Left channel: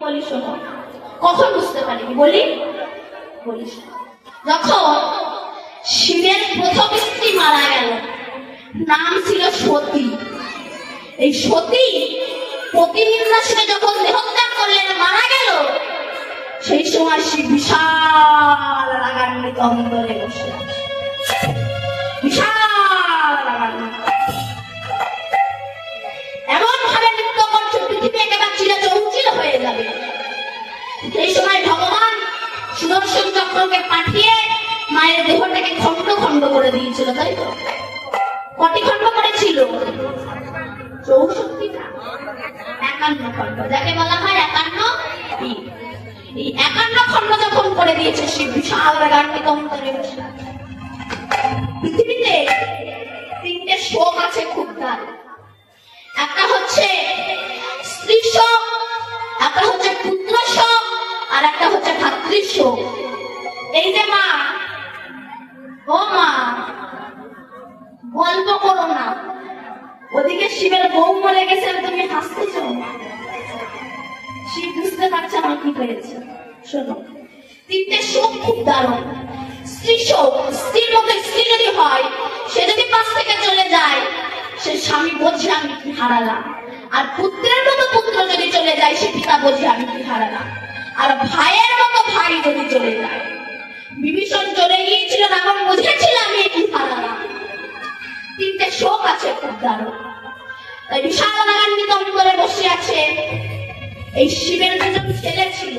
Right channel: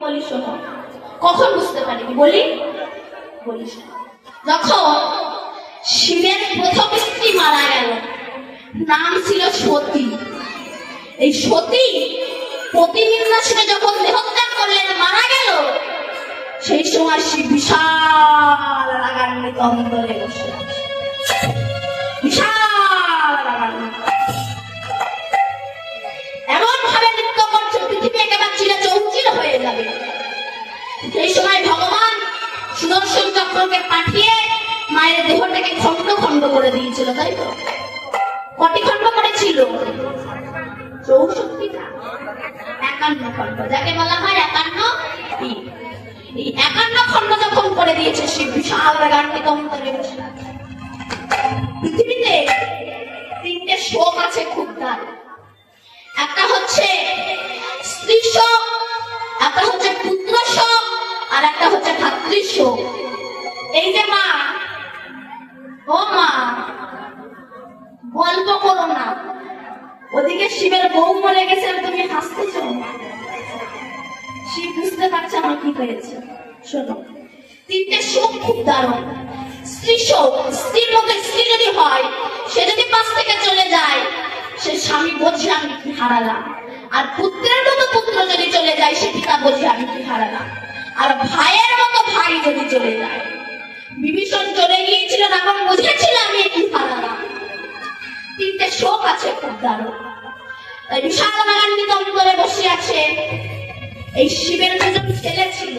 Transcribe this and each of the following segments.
বলি শোনো, কখন বুঝতে পারি বলি বলি শোনো। যখন শিবের প্রথম স্ত্রী মারা গেল, নাম ছিল সতী। এই সতী প্রতিনিন্দা ছেড়ে যখন দেহত্যাগ করলেন, মারা গেল, সেই সময় শিব বিশাল রাগান্বিত অন্তরে বসে আছে। বিশাল এমন ভাবে নৃত্য করছে, পৃথিবী একেবারে চিরচৌচির হয়ে যাবে। সেই সময় ভগবান সুদর্শন চক্রকে পাঠিয়ে মায়ের দেহটাকে খন্ড খন্ড করে দিয়েছিল, তাই তো? কটি খন্ড করেছিল? 64টা, 51 খন্ড, যাকে বলা হয় 51 দিন। এই 51 খন্ড যখন করে দিয়েছে, সে বিশাল রাগান্বিত অন্তরে বসে আছে। পৃথিবীতে 3টে শোক আছে খুব তার। একটা হচ্ছে স্ত্রী শোক, একটা হচ্ছে পুত্র শোক, আর একটা হচ্ছে ভাতৃ শোক। এই যে মা, ও মা, গল্প করো না, ওদিকে শিবের বউ মরে গেছে, তুমি হাসতেছ। শিব বুঝতে পারছে না কি হয়েছে। শোনো, 3টে শোক খুব দারুণ। স্ত্রী শোক, স্ত্রীর মতো স্ত্রী যদি হয়, সে যদি পাশ থেকে চলে যায়, সে স্বামী বোঝে আমি কি হারালাম। আর পুত্রের মতো পুত্র যদি চলে যায়, সে পিতা বোঝে আমি কি হারালাম। আর ভাইয়ের মতো ভাই যদি চলে যায়, বিভীষণ চলে গিয়েছিল, তখন বুঝেছিল আমি কি হারালাম। 3টে শোক আছে খুব দারুণ। তাই বিশাল রাগান্বিত অন্তরে বসে আছে। এই শিবের দুজন ছেলে ছিল,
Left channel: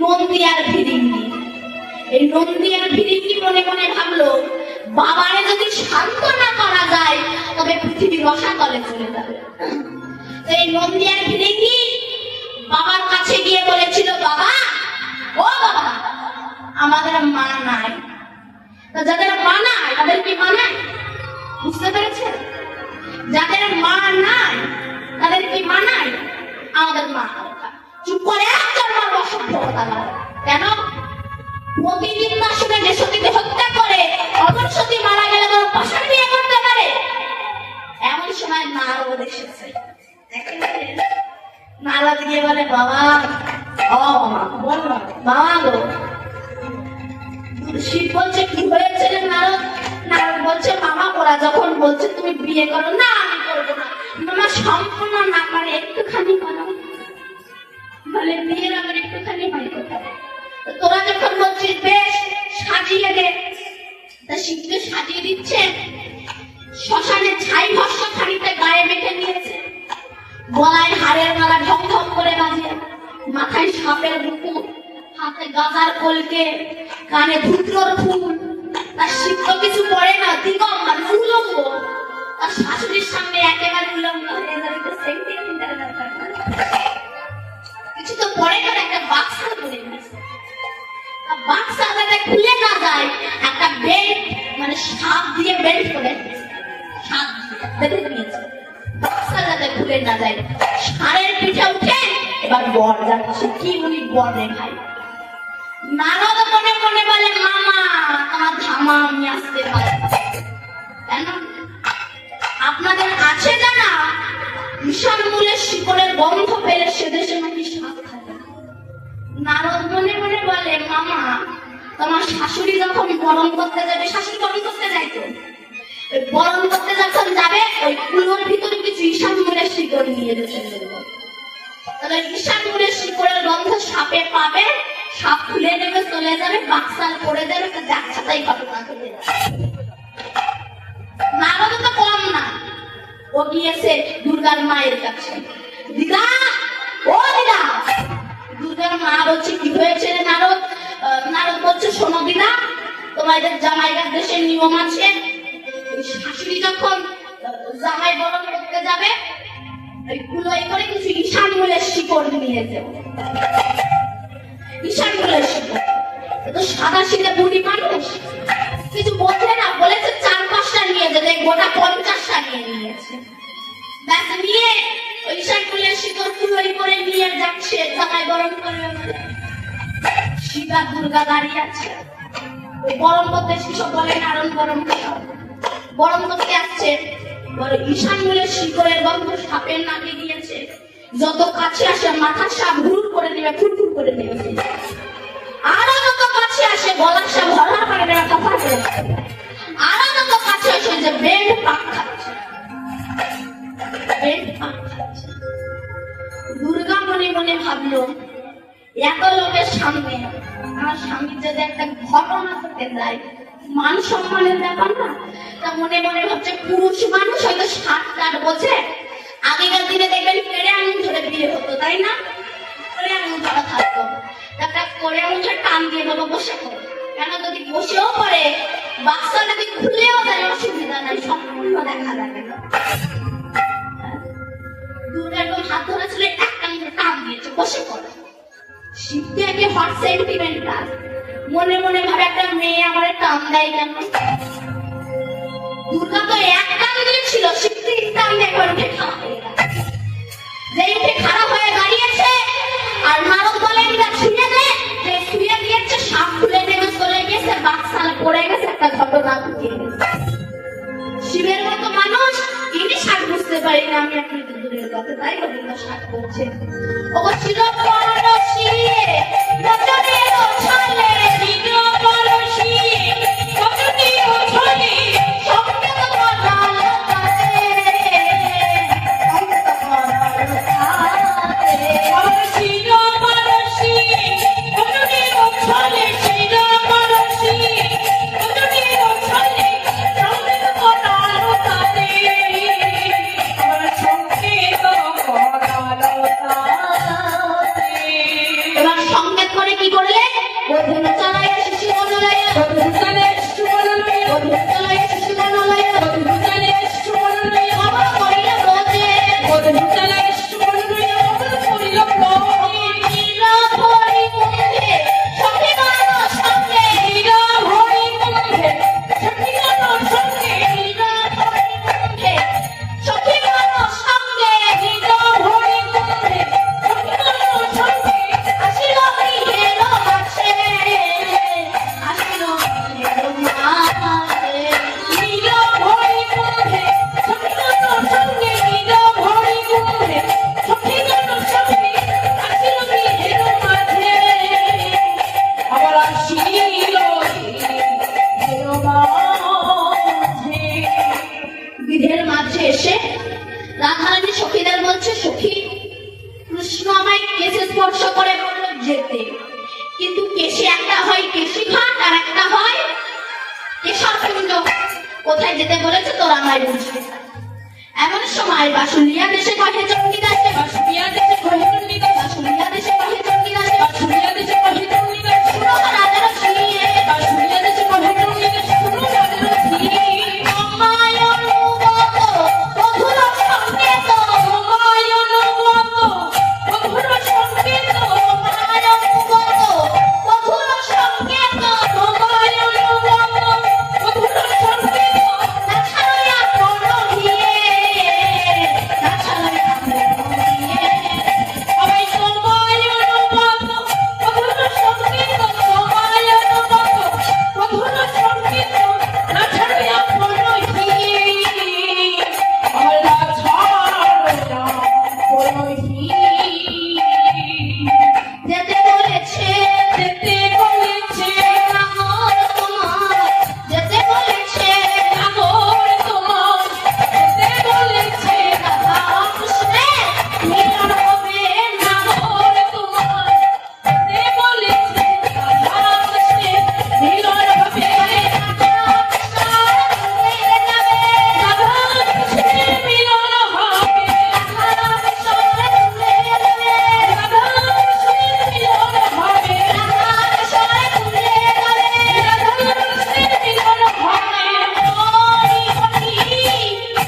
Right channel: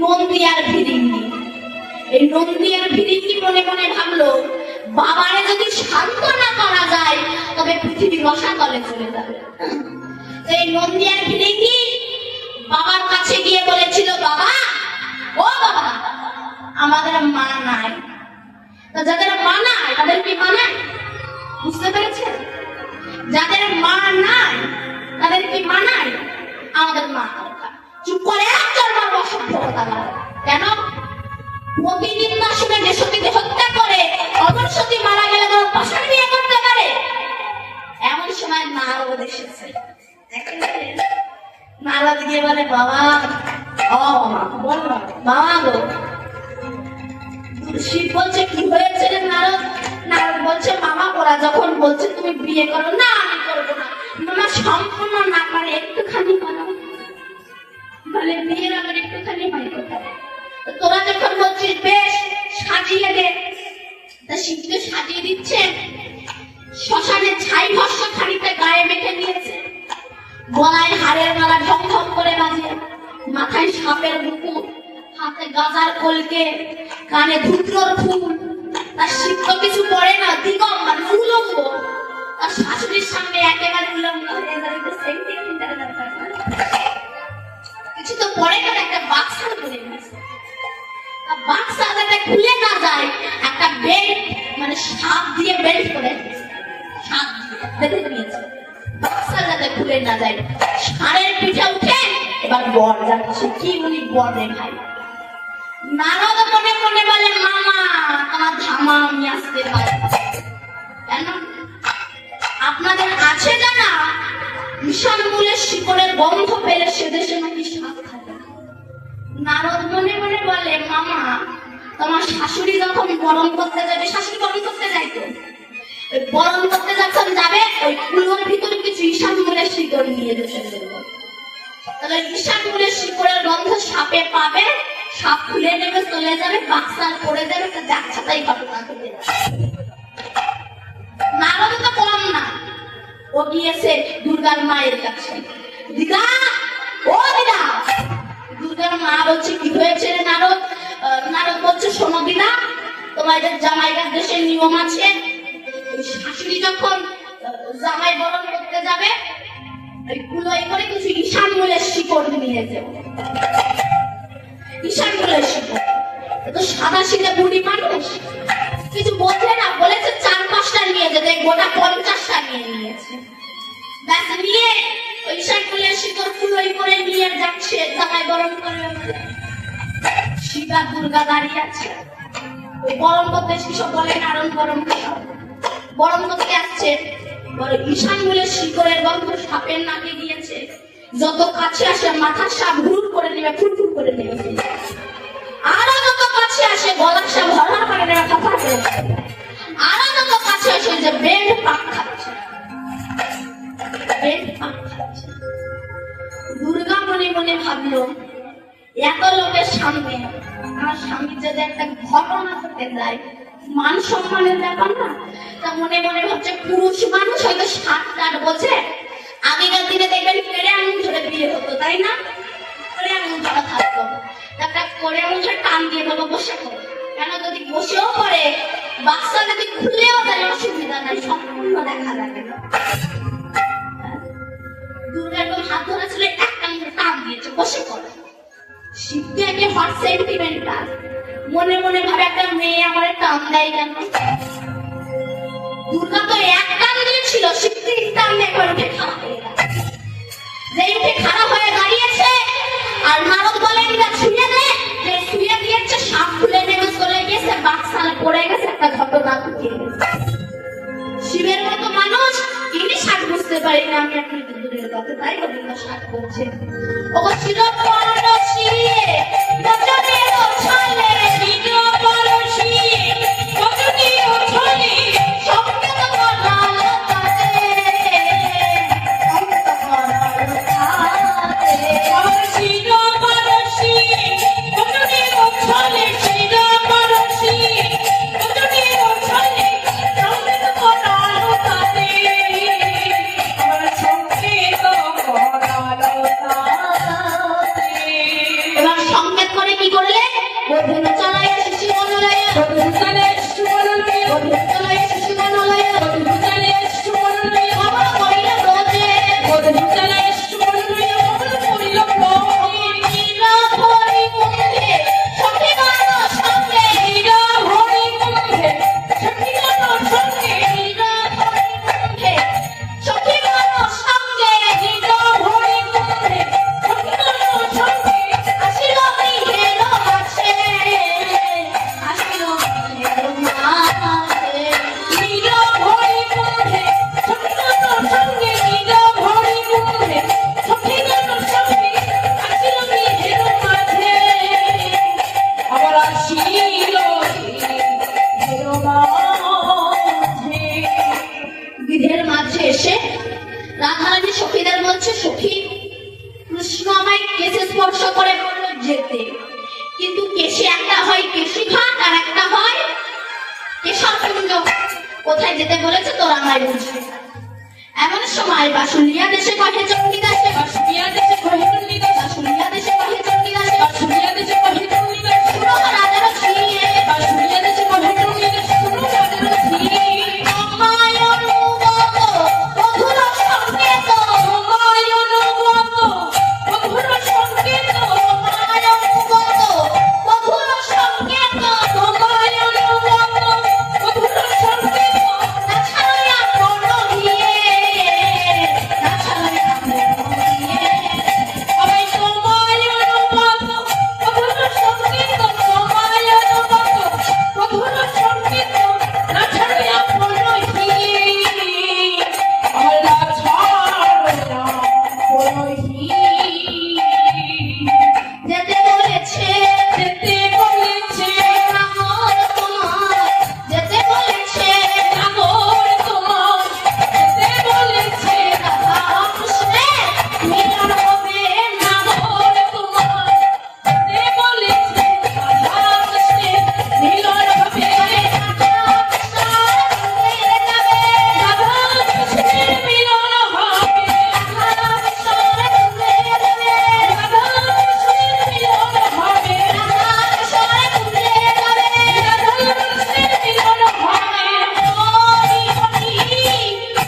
নন্দী আর ভিরিঙ্গি। এই নন্দী আর ভিরিঙ্গি মনে মনে ভাবলো, বাবারে যদি শান্ত না করা যায়, তবে পৃথিবী রসাতলে চলে যাবে। এই নন্দী আর ভিরিঙ্গি বাবার কাছে গিয়ে বলেছিল, বাবা, ও বাবা, আমাদের মা নাই। তো যাদের মা নাই, তাদের কি মা নাই? বুঝতে পেরেছে? যাদের মা নাই, তাদের কি মা নাই? আমাদের মা। চুপ করে একজন মা অসভ্য। কেন? প্রতিনিন্দা শুনে যে সতী দেহত্যাগ করে, অমর সতী মারা গেলে তারা পাশার বিয়ে করতে পারে? এমন সময় নারদ এসেছে। নারদ গিয়ে বলে, বাবা, ও বাবা, বললো বাবা গো। শিব বলছে, কি হয়েছে রে নারদ? নারদ বলছে, মামা ওরা যখন বলছে তুমি বিয়ে করো, না আমি করবো না। মামা সম্পূর্ণ না পারে, একটুখানি করো, মানে বিয়ের আমার একটুখানি হয়। তোরা যখন বলছিস বেশ সাজিয়ে দে, তা শিবকে সাজিয়ে দিচ্ছে। শ্মশানে ছাই ভস্য খানিকটা গায়ে মেখে নিয়েছে, গলায় হাড়ের মালা ঢক ঢক করে বাজে, মাথায় সাপের মুকুট, হাতে গাজার কলকে, কানে ধুত্রর ফুল। তার শিব তো কিছু পড়ে না, দিগম্বর উলঙ্গ। তার শাশুড়ির সামনে একেবারে উলঙ্গ হয়ে যায়। কিছু তো পড়ে না, একটা বাক্সা করে বাক্সা যাতে খুলে না যায়, একটা বেল্ট, মানে সাপ দিয়ে বেল্ট করে সাপ বেঁধে দিয়েছে, বাক্সা যাতে খুলে না যায়। ষাঁড়ের পিঠে উঠে এবার বর যাচ্ছে। কি উনি বর দেখায়। নারদ মনে মনে বলে, মামা তোমার ধামা আমি আসতে পারবো। কেন? আপনাদের আছে জানা, ঈশান মূলের শিকড়ের গন্ধ পেলে সে দেশে নাকি সাপ থাকে। নারদ মনে মনে বলে, মামা তোমার শাশুড়ি যখন বরণ করতে যাবে, শাশুড়ি বরণ করতে যাইতো, বরণ করতে যখন যাবে, ওই কুলোর ভিতরে কিছু ঈশান মূলের শিকড় নিয়ে যেতে বলবো। তাহলে ঈশান মূলের শিকড়ের গন্ধ সাপে পাবে, সাপ খুলে নেবে, চলে যাবে, বাক্সাল পড়ে যাবে, যাচ্ছে তাই ঘটনা ঘটে যাবে। নারদ তো কম না, ও গিয়েছে দুর্গার মায়ের কাছে। দিদা, ও দিদা। দুর্গার মা বলছে, কি হয়েছে রে নারদ? নারদ বলছে, শোনো দিদা, তোমাদের জামাইয়ের দেশের নিয়ম আছে, শাশুড়ি যখন জামাই বরণ করতে যাবে, কুলোয় করে কিছু ঈশান মূলের শিকড় নিয়ে যাবে। ঈশান মূলের শিকড় তো সাদা সিধা বুড়ি মানুষ, কিছু বোঝে না, বলেছে 4-5টা নিয়ে যেতে, গোটা 50টা নিয়ে নিয়েছে। ব্যাস নিয়ে ওই ঈশান মূলের শিকড় কুলোয় করে নিয়ে যাচ্ছে জামাই বরণ করবে। শিবা দুর্গা দাঁড়িয়ে আছে, বরণ করতে শিশু বলে, নারণ বরণ করতে আসছে। ঈশান মূলের শিকড়ের গন্ধ সাপের নাকে গিয়েছে, যত কাছে আসে মাথার সাপ ঘুর করে করে নেবে, ফুটফুট করে নেবে। আরো যত কাছে আসে গলার সে ভরা করে নেবে, কথা বলে। আরো যত কাছে আসে যে বেড পাক খাচ্ছে, বেড পাক খাচ্ছে। দুর্গা মনে মনে ভাবলো, এত লোকের সামনে আমার স্বামীর যদি একটা ঘটনা ঘটে যায়, মান সম্মানের ব্যাপার না। তা মনে মনে ভাবছে, পুরুষ মানুষ হয়তো 7 বোঝে। আগেকার দিনে দেখবেন পেড়ে আঙুল ধরে বিয়ে হতো, তাই না? পেড়ে আঙুল ধরা থাকতো, একটা করে আঙুল ধরে টান দিয়ে দেবো, বসে কেন যদি বসেও পড়ে, বাচ্চা যদি খুলেও দেয় অসুবিধা নাই, সম্পূর্ণ দেখা যাবে না। দুর্গা একদম হাত ধরা ছিল, একটা আঙুল টান দিয়েছে, বসে পড়ে। শিবকে একে হট সেন্টিমেন্টাল, মনে মনে ভাবে একটা মেয়ে আমার টান দেয় কেন? দুর্গা তো এক টান দিয়েছিল, শিবকে টান দিয়ে একবার উঠে খাওয়া হয়ে গেল। যে উঠে খারাপ হয়ে দাঁড়িয়েছে, আর নারদ বলে এটা ছুঁয়ে দে, যে ছুঁয়ে দিয়েছে সাপ খুলে নেমে চলে গেছে, বাচ্চালে পড়ে গেছে, একটা ঘটনা ঢুকে গেছে। শিবের মতো মানুষ তিনি সাপ বুঝতে পারি না, আমি আপনাকে দূরের কথা, তাই ওটা সাপ করছে। ও ছিল পরশী রজনী ওছালে, নীল পরশী রজনী ওছালে, সঙ্গীত করাল কাছে, সঙ্গীত করাল কাছে। পরশী পরশী রজনী ওছালে, নীল পরশী রজনী ওছালে, সঙ্গীত করাল কাছে, আমার সঙ্গীত করাল কাছে। এবার সংকেত করে কি করলে? বধূ চালায় শিশু বনলয়ে, বধূ চালায় শিশু বনলয়ে, বধূ চালায় শিশু বনলয়ে, বধূ চালায় শিশু বনলয়ে, বাবা করিল ব্রজে, বধূ চালায় শিশু বনলয়ে, বাবা করিল ব্রজে। নীল হরি কুম্ভে সখী গান সঙ্গে, নীল হরি কুম্ভে সখী গান সঙ্গে, নীল হরি কুম্ভে সখী গান সঙ্গে, নীল হরি কুম্ভে সখী গান সঙ্গে, আসিল গৃহের কাছে, আসিল গৃহের কাছে। নীল হরি কুম্ভে সখী গান সঙ্গে, নীল হরি কুম্ভে সখী গান সঙ্গে, আসিল গৃহের কাছে, আবার আসিল গৃহের মাঝে এসে রাধারানী সখীদের বলছে, সখী কৃষ্ণ আমায় কেশে স্পর্শ করে বলল যেতে, কিন্তু কেশে একটা হয় কেশি ঘাট, আর একটা হয় কেশরকুঞ্জ। কোথায় যেতে বলেছে তোর আমায় বুঝিস না। এমন সময় বাসুলিয়া দেশে কহে চণ্ডীদাসে, বাসুলিয়া দেশে কহে চণ্ডীদাস, বাসুলিয়া দেশে কহে চণ্ডীদাস, বাসুলিয়া দেশে কহে চণ্ডীদাস, শুনো রাজার ঝিয়ে, বাসুলিয়া দেশে কহে চণ্ডীদাস, শুনো রাজার ঝিয়ে। আমায় অনুগত বধূর সঙ্গেত, আমায় অনুগত বধূর সঙ্গেত, আমায় অনুগত বধূর সঙ্গেত, আমায় অনুগত বধূর সঙ্গেত, না ছাড়িয়া প্রাণ দিয়ে, না ছাড়িয়া প্রাণ দিয়ে। আমায় তোমায় অনুগত বধূর সঙ্গেত, আমায় অনুগত বধূর সঙ্গেত, না ছাড়িয়া প্রাণ দিয়ে। আল্লাহ ছাড়িয়া প্রাণ দিয়ে। যেতে বলেছে, যেতে বলেছে নাগর তোমার, যেতে বলেছে নাগর তোমার, যেতে বলেছে রাধা কৃষ্ণের মিলন হবে নাগর তোমার, যেতে বলেছে রাধা কৃষ্ণের মিলন হবে, রাধা কৃষ্ণ মিলে যাবে, রাধা কৃষ্ণের মিলন হবে, রাধা কৃষ্ণ মিলে যাবে, রাধা কৃষ্ণের মিলন হবে, রাধা কৃষ্ণ মিলে যাবে, রাধা কৃষ্ণের মিলন হবে। হরি হরি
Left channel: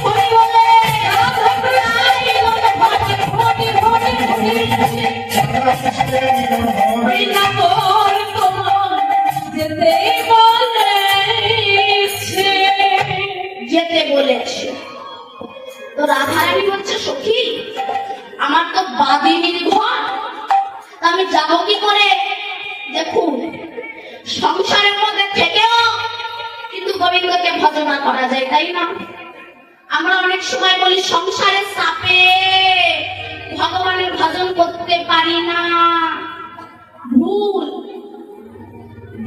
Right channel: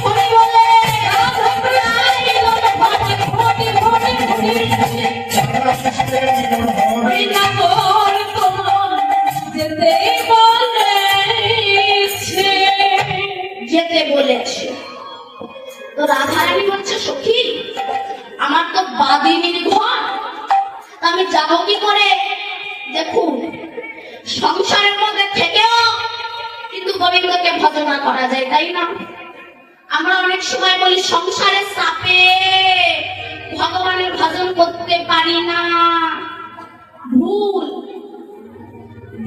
হরি বলে রাধা কৃষ্ণের মিলন হবে, হরি হরি হরি ওই নাগর তোমার যেতে বলেছে, যেতে বলেছে। তো রাধারানী বলছে, সখী আমার তো বাদিনীর ঘর, আমি যাবো কি করে? দেখুন, সংসারের মধ্যে থেকেও কিন্তু গোবিন্দকে ভজনা করা যায়, তাই না? আমরা অনেক সময় বলি সংসারের চাপে ভগবানের ভজন করতে পারি না। ভুল।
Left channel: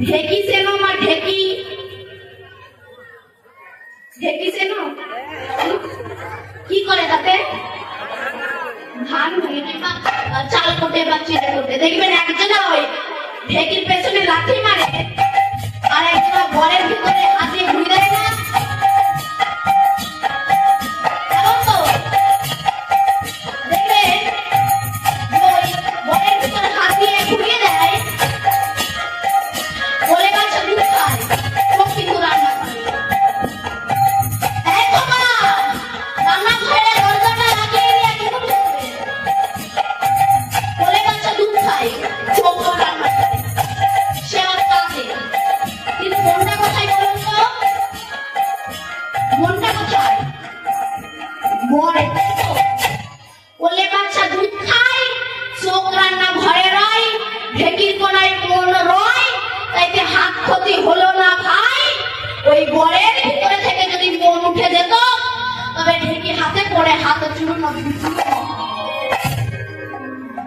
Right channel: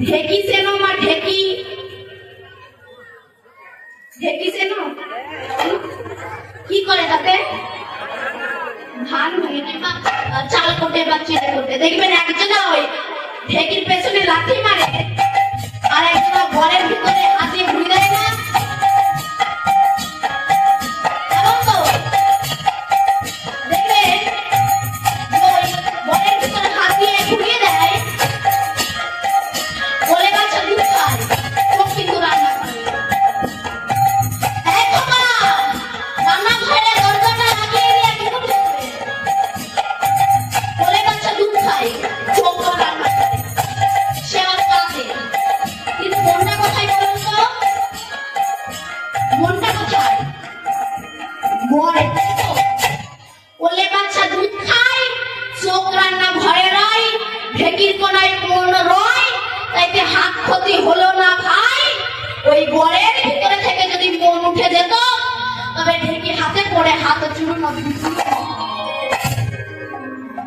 ঢেকি চেনো মা? ঢেকি, ঢেকি চেনো? কি করে তাতে? ধান ভেঙে কিংবা চাল কোটে বা চিড়ে কোটে। দেখবেন একজনা ওই ঢেকির পেছনে লাঠি মারে আর একটা ঘরের ভিতরে হাত দিয়ে ঘুরে দেয় না? এমন তো দেখবে ওই ঘরের ভিতরে হাত দিয়ে ঘুরিয়ে দেয়, বলে বাচ্চা দুধ খায়, সব কিন্তু রান্না করে। এই বাবা, রান্নাঘরে দরজাটা লাগিয়ে দিয়ে কি করছে? বলে বাচ্চা দুধ খায়, চোখও রান্না করে, সে আর কাঁদে। কিন্তু মনটা কোথায় বলুন তো? মনটা কোথায়? ঘরে। বলে বাচ্চা দুধ খায়, চোখ রান্না ঘরে রয়, ঢেকির কোনায় মন রয়, তাইতে হাত ক্ষতি হলো না ভাই। ওই ঘরের ভিতরে থেকে যদি মন উঠে যেত তবে ঢেকি হাতে পড়ে হাত চুরুন।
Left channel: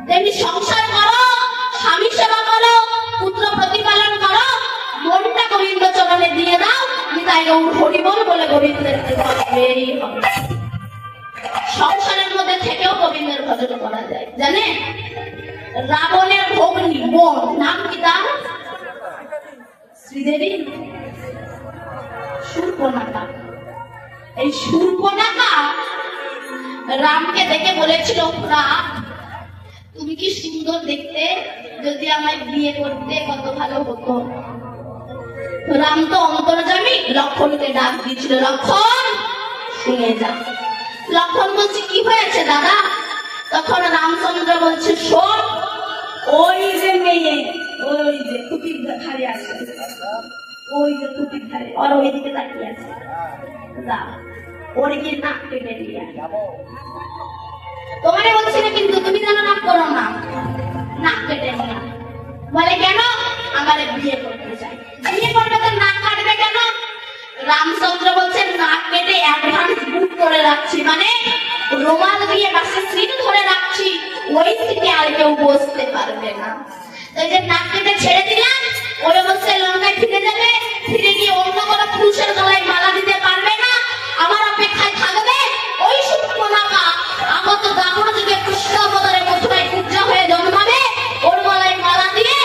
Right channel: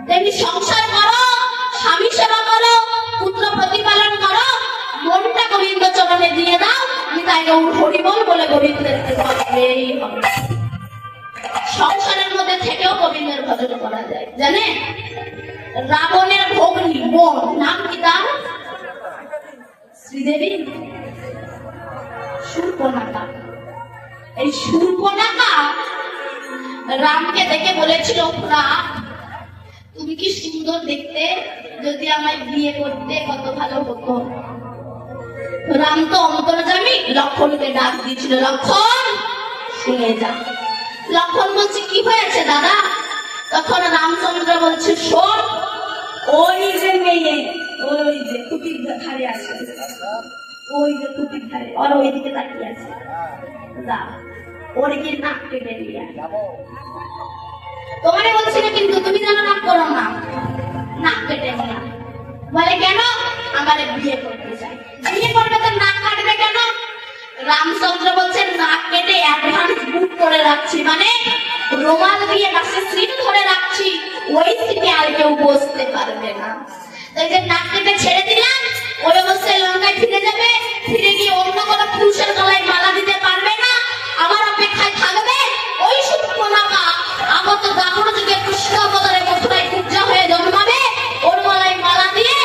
তেমনি সংসার করো, স্বামী সেবা করো, পুত্র প্রতিপালন করো, মনটা গোবিন্দ চরণে দিয়ে দাও, আমি তাই হরিবল বলে গোবিন্দের সংসারের মধ্যে থেকেও গোবিন্দের ভজন করা যায়। জানে রাবণের ভগ্নী বোন, নাম কি তার? শ্রীদেবী, শূর্পণখা। এই শূর্পণখা রামকে দেখে বলেছিল, রাম তুমি কি সুন্দর দেখতে, যদি আমায় বিয়ে করতে কত ভালো হতো। রাম তো অন্তর্যামী, লক্ষণকে ডাক দিয়েছিল, লক্ষণ শুনে যা। লক্ষণ বলছে কি হয়েছে দাদা? তখন রামচন্দ্র বলছে, শোন, ওই যে মেয়ে, ওই যে খুঁটির ধারে আছে, ওই যে খুঁটির ধারে, আর ওই দিকে তাকিয়ে আছে, ওর গিয়ে নাক কেটে নিয়ে তোমারে বলছি না, কিন্তু তুমি যেন নাক করো না, নাক কেটে নিয়ে। বলে কেন? আমার বিয়ে করতে চাই। বিয়ে করবে তো নাক কাটবে কেন? রামচন্দ্র বলছেন, নাক কেটে অ্যাডভান্স বুক করে রাখছি, মানে রোমাল দিয়ে বাসে সিট ধরে রাখছি, ওই সিটে আর কেউ বসতে পারবে না। তাই যে নাক কেটে ছেড়ে দিলাম, ওই অবস্থায় লঙ্কায় ফিরে যাবে, ফিরে গিয়ে অন্য কোনো পুরুষের গলায় মালা দিতে পারবে না, আমার অপেক্ষায় থাকবে। ওই শূর্পণখা আগত গাভর যুগে কৃষ্ণ অবতারে মথুরায় পূজা হয়ে জন্মাবে, ওর গলায় মালা দিয়ে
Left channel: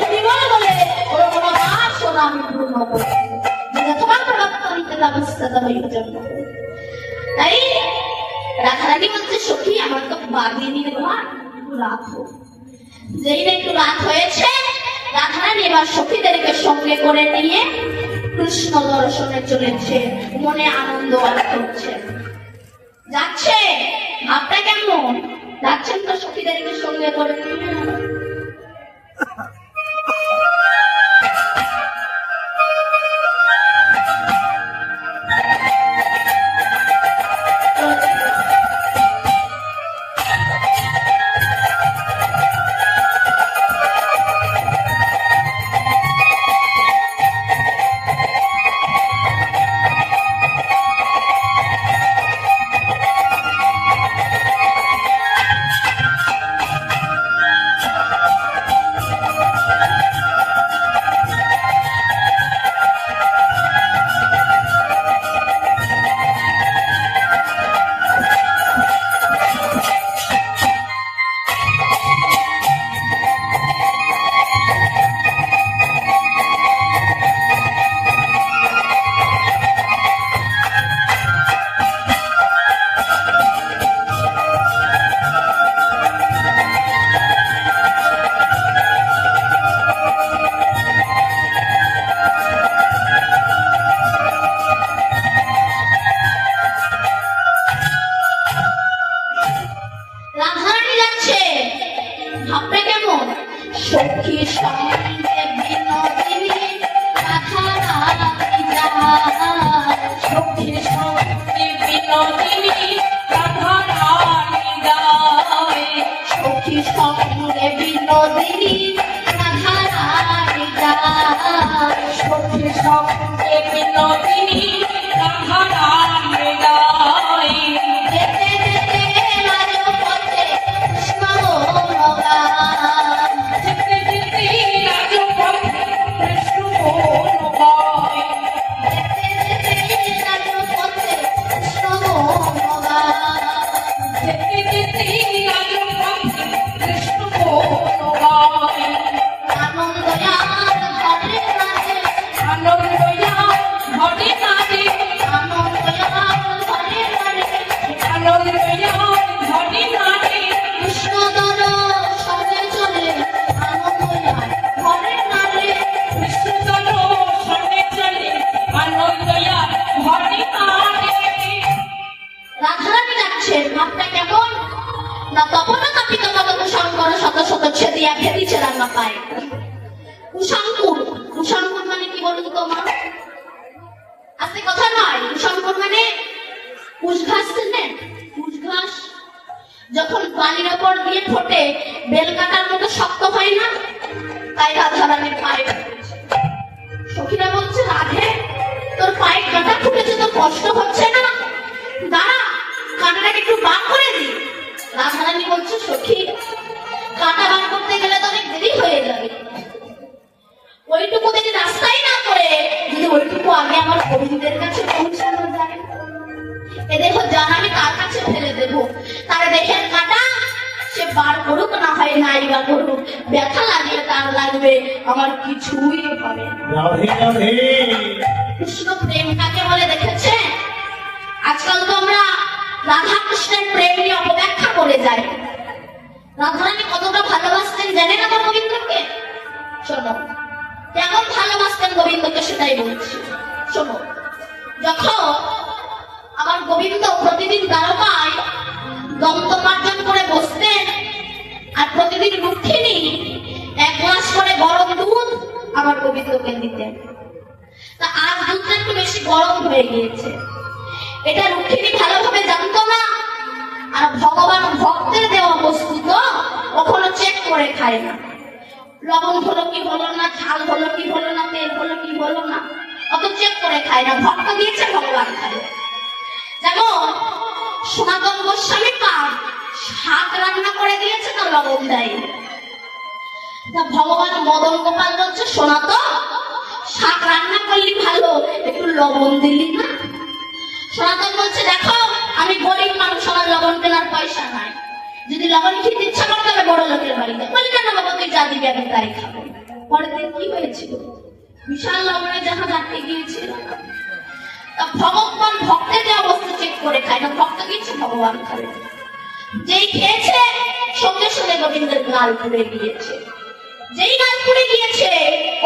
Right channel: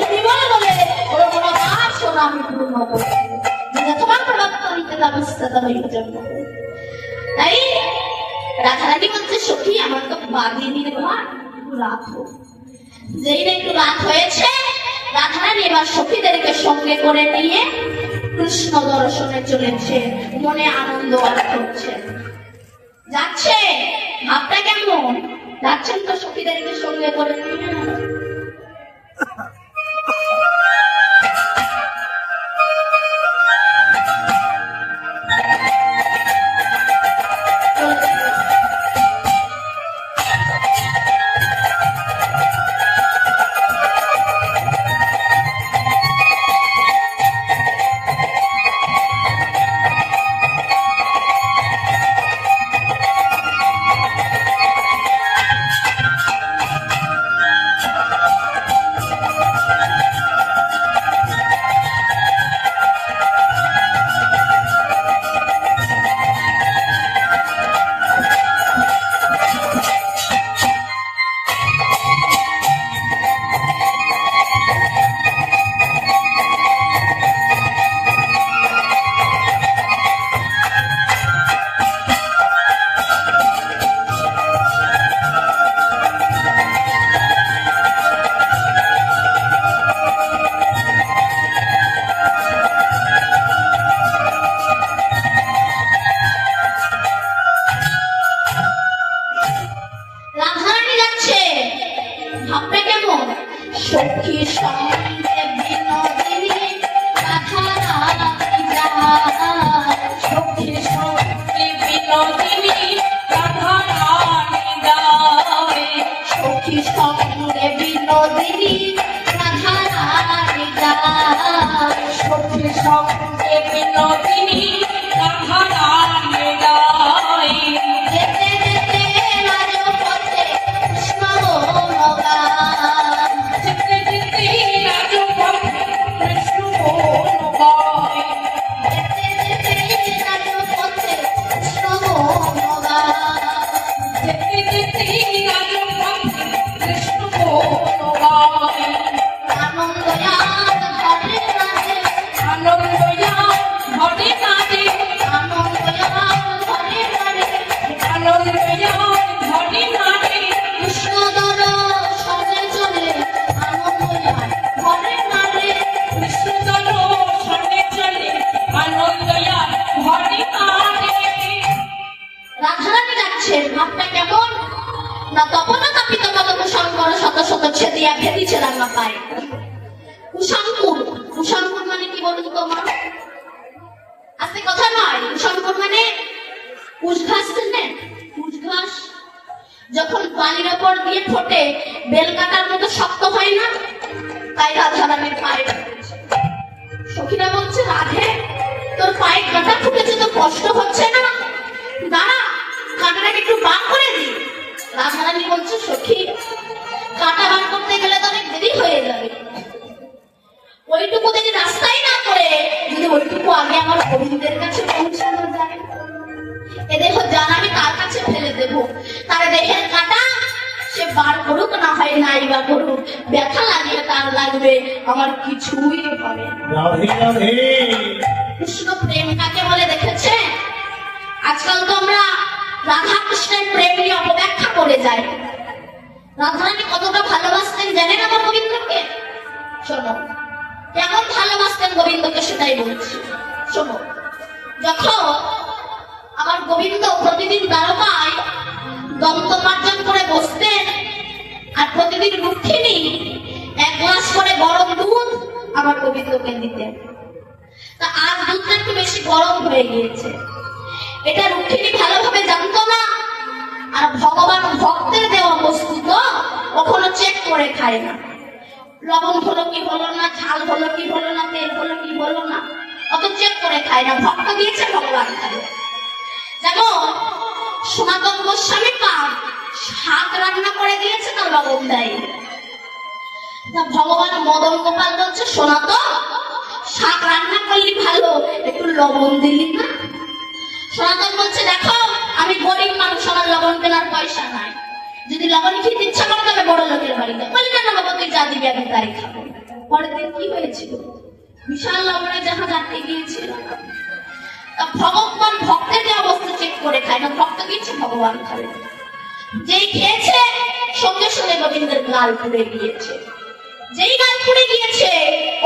হরিবল বলে ওর মনোভাব সোনা পূর্ণ করে তোমার অবস্থা যাবে জন্য। তাই রাধারানী বলছে, সখী আমার তো বাঘিনীর ঘর, রাত যেই না একটু রাত হয়েছে, রাধারানী এবার সখীদেরকে সঙ্গে করে নিয়ে কৃষ্ণ দর্শনে চলেছে, মনে আনন্দ হচ্ছে। যাচ্ছে, ভাবটা কেমন? যাচ্ছেন তো সখীদেরকে সঙ্গে করে নিয়ে। যেতে যেতে রাজপথে দিয়া ফেলেছে রান্না পায়। কুশাঙ্কুর, কুশাঙ্কুর মানে কি বলুন তো মা? আজকে কথা নয়, কুশাঙ্কুর মানে কুশ ঘাস চেনেন? কুশ ঘাস যখন বালির ওপর দিয়ে ফোটে বেল কাটার মতো শক্ত হয় না, তাই রাধা রানীর পায়ে সখীরা বলছে, রাধে তোর পায়ে কাঁটা ফুটেছে, তো কষ্ট হচ্ছে না? দাঁড়া, কাঁটাটাকে একটু বার করে দি। রাধা রানী বলছে, সখী কাঁটা বার করতে গেলে তো অনেক দেরি হয়ে যাবে, ওইটুকু যদি রাস্তায় না করে যদি ওইটুকু আগে আমার বন্ধুদের কাছে পৌঁছানো যায়, এ দেখো জান আমি তার কাছে ফেলে দেবো, তার দেহের কাঁটা সে বার করুক না হয় নাই বা করুক, ব্যথা লাগলে তার লাগবে, আমার কিছুই হবে না। কৃষ্ণ প্রেম কাকে বলে দেখেছে? আজকাল তো আমরা রাধা কৃষ্ণের প্রেম নিয়ে অপব্যাখ্যা করে যাই। রাধারানী কতটা ভালোবাসতেন জানেন আমার গোবিন্দকে? শোনো, কেমন ভালোবাসতেন গোবিন্দকে সেটাই বলছি। শোনো, যখন আমার গোবিন্দ প্রতিদিন দ্বারকায় দন্তমার্জন করে বসতেন, আর প্রতিদিন রুক্মিণী এক গ্লাস করে গরম দুধ আমার গোবিন্দকে দিতেন, তা আজ দুধটা একটু বেশি গরম হয়ে গিয়েছে, এটা রুক্মিণী ভালোভাবে জানতো না। আর ভগবান ভক্তের দেওয়া বস্তু তো কখনো চেক করে খায় না, লবণ হলো কি হলো না, ঝাল হলো কি হলো না, তেল হলো কি হলো না, অত চেক করে খায় না, ভক্ত দিয়েছে ভগবান খায়। যেমন সনাতন গোস্বামী পান শাক রান্না করে দিয়েছে, না লবণ দেয়। ভগবান মদন গোপাল বলছে, সনাতন শাক রান্না করলি ভালো, একটু লবণ দিলি না? সনাতন বলছে, দেখো আমি গরিব মানুষ, আমার লবণ কেনার পয়সা নাই, যদি লবণ খেতে ইচ্ছা করে তাহলে বড় লোকের বাড়িতে বললেন না, বাবা তুই যা দিবি আমি তাই খাবো। পরের দিন কি হয়েছিল? বিশাল লবণে জাহাজ আটকে গিয়েছিল। ভগবান ভক্তের যে অবস্থা চেক করে খায় না, ভক্ত দিয়েছে ভগবান খায়। যেই খেয়েছে সঙ্গে সঙ্গে গোবিন্দের গাল পুড়ে গিয়েছে, যেই গাল পুড়ে গিয়েছে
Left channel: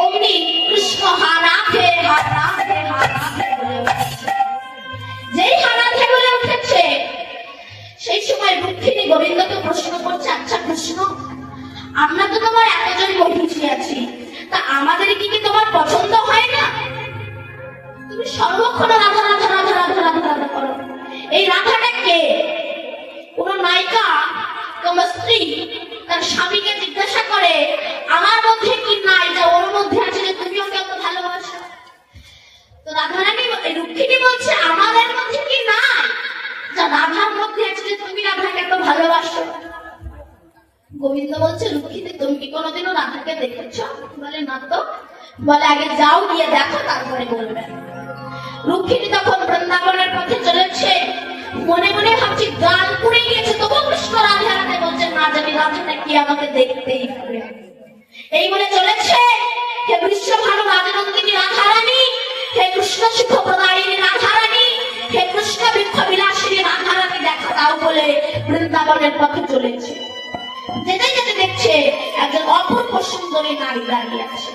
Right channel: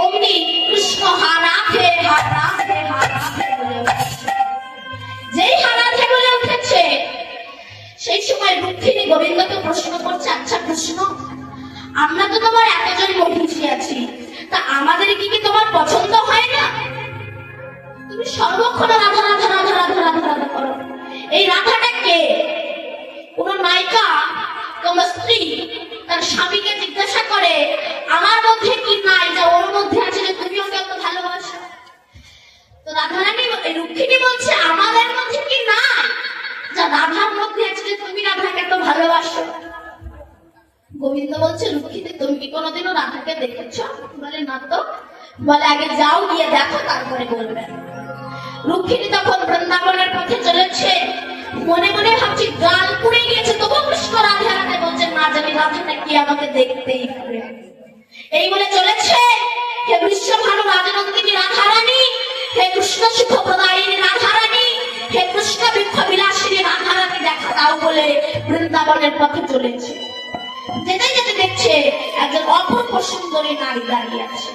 অমনি কৃষ্ণ হারাধে হারাধে হারাধে বলে উঠেছে। যেই হারাধে বলে উঠেছে সেই সময় রুক্মিণী গোবিন্দকে প্রশ্ন করছে, আচ্ছা কৃষ্ণ, আমরা তো তোমার এতজন মহিষী আছি, তা আমাদের কি তোমার পছন্দ হয় না? তুমি সর্বক্ষণ রাধা রাধা রাধা রাধা রাধা রাধা করো, এই রাধাটা কে? কোন নায়িকা তোমার স্ত্রী তার স্বামীকে জিজ্ঞাসা করে, আমার মধ্যে কি নাই যে ওর মধ্যে আছে যে তুমি ওকে এত ভালোবাসো? তো রাধারানী রুক্মিণী বলছে, আমাদের মধ্যে কি নাই যা রাধার মধ্যে আছে যে তুমি রাধাকে এত ভালোবাসো? গোবিন্দ বলছে, রুক্মিণী তুমি কি কোনোদিনও রাধাকে দেখেছ? বলে না তো। বলে আগে যাও, গিয়ে দেখো, তারপরে বলবে। রুক্মিণী তখন বৃন্দাবনের পথে চলেছে, মনে মনে ভাবছি গাল পুড়ে গিয়েছে, তবু কৃষ্ণ রাধে রাধে বলছে, না জানি রাধাটা কি, আমাকে দেখতেই হবে। এই বলে চলেছে, হে বিশ্বভানু রাজনন্দিনী রাধারানী, হে কৃষ্ণ সুখ প্রদায়িনী রাধারানী, হে কৃষ্ণ বৃক্ষ বিলাসিনী রাধারানী, দেখা দাও বলে বৃন্দাবনের পথে চলেছে। যেতে যেতে দেখছে একজন অপূর্ব সুন্দরী নারী দাঁড়িয়ে আছে।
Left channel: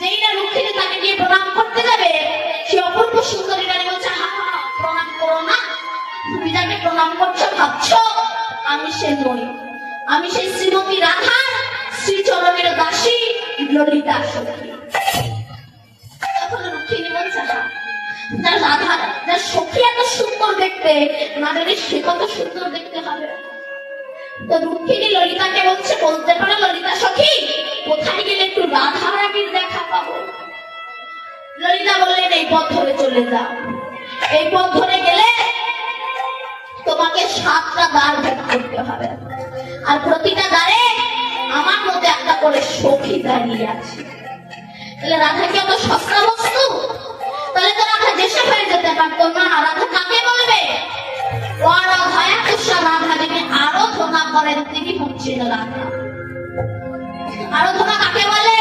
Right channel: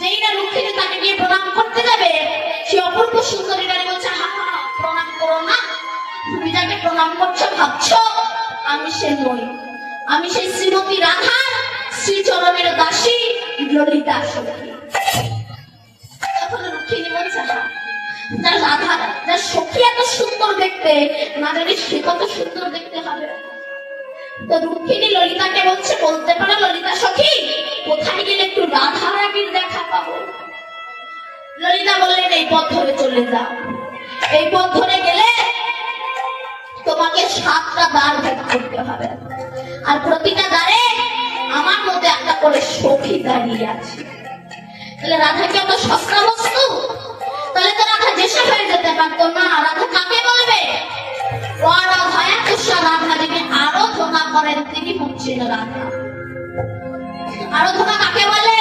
যেই না রুক্মিণী তাকে গিয়ে প্রণাম করতে যাবে, সেই অপূর্ব সুন্দরী নারী বলছে, হা প্রণাম করো না, তুমি যাকে প্রণাম করছো ভাবছো আমি সে নই, আমি সেই শ্রীমতী রাধা শ্রীচরণের দাসী ললিতা সখী। তখন রুক্মিণী বলছে, হ্যাঁ যার রাধা যার সখী এত সুন্দর দেখতে, না জানি সে কত সুন্দর দেখতে হবে। তো রুক্মিণী ললিতাকে বলছে, বলতে পারো ললিতা সখী, কোথায় গেলে একটু রাধা রানীর দেখা পাবো? ললিতা বললেন, এই পথ ধরে চলে যাও, এই পথ ধরে গেলে তোমাকে 7টা দ্বার ভেদ করতে হবে, আর প্রতিটা দ্বারে আমার মধ্যে একটা করে সখী দাঁড়িয়ে আছে। তাহলে রাধা কি অত সস্তা বস্তু? তাহলে তো রাধা দেশে হয়ে যেতে পারতো না। রাধা কাকে বলবে? রাধা যিনি আরাধনা করেন তিনি হচ্ছেন রাধা। আরাধনা কাকে বলে?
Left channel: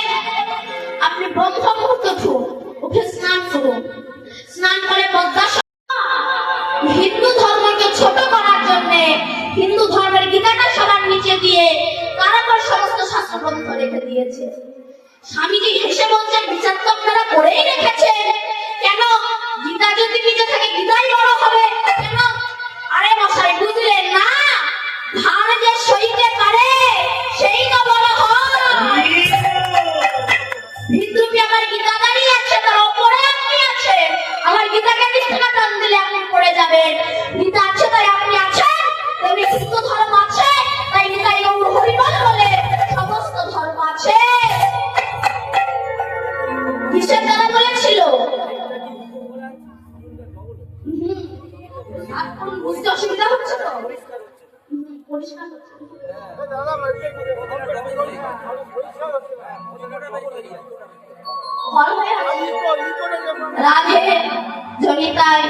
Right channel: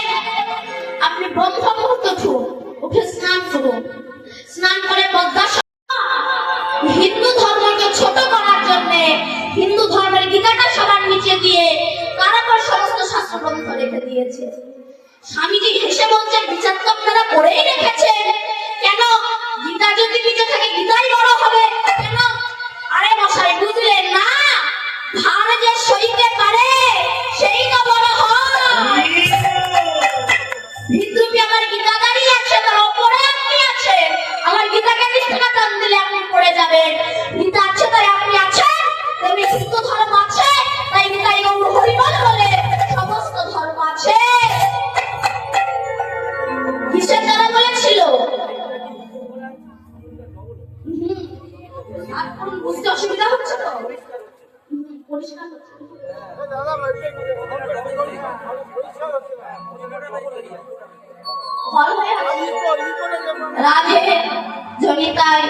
আপনি ব্রহ্ম মুহূর্ত উঠে স্নান করুন, স্নান করে পদ্মা হিন্দু ধর্মকে ছোট করার জন্য হিন্দু ধর্মের গীতাটা সবার নিচে দিয়ে কারাগার সমস্ত শাস্ত্রগ্রন্থ রেখে দিয়েছে। স্বামীজি হেসে বলছে, বিচার তো আপনারা করেই রেখেছেন, কেন গীতা যদি নিচে থাকে গীতাই বড় হবে কেন? আরে মশাই বুঝলেন না, ধান যে সইতে পারে সেই তো বড় এখন বুঝতে অসুবিধা হচ্ছে তো? পরিষ্কার হচ্ছে। ফল হয়ে আছে। রাধে জনিতায়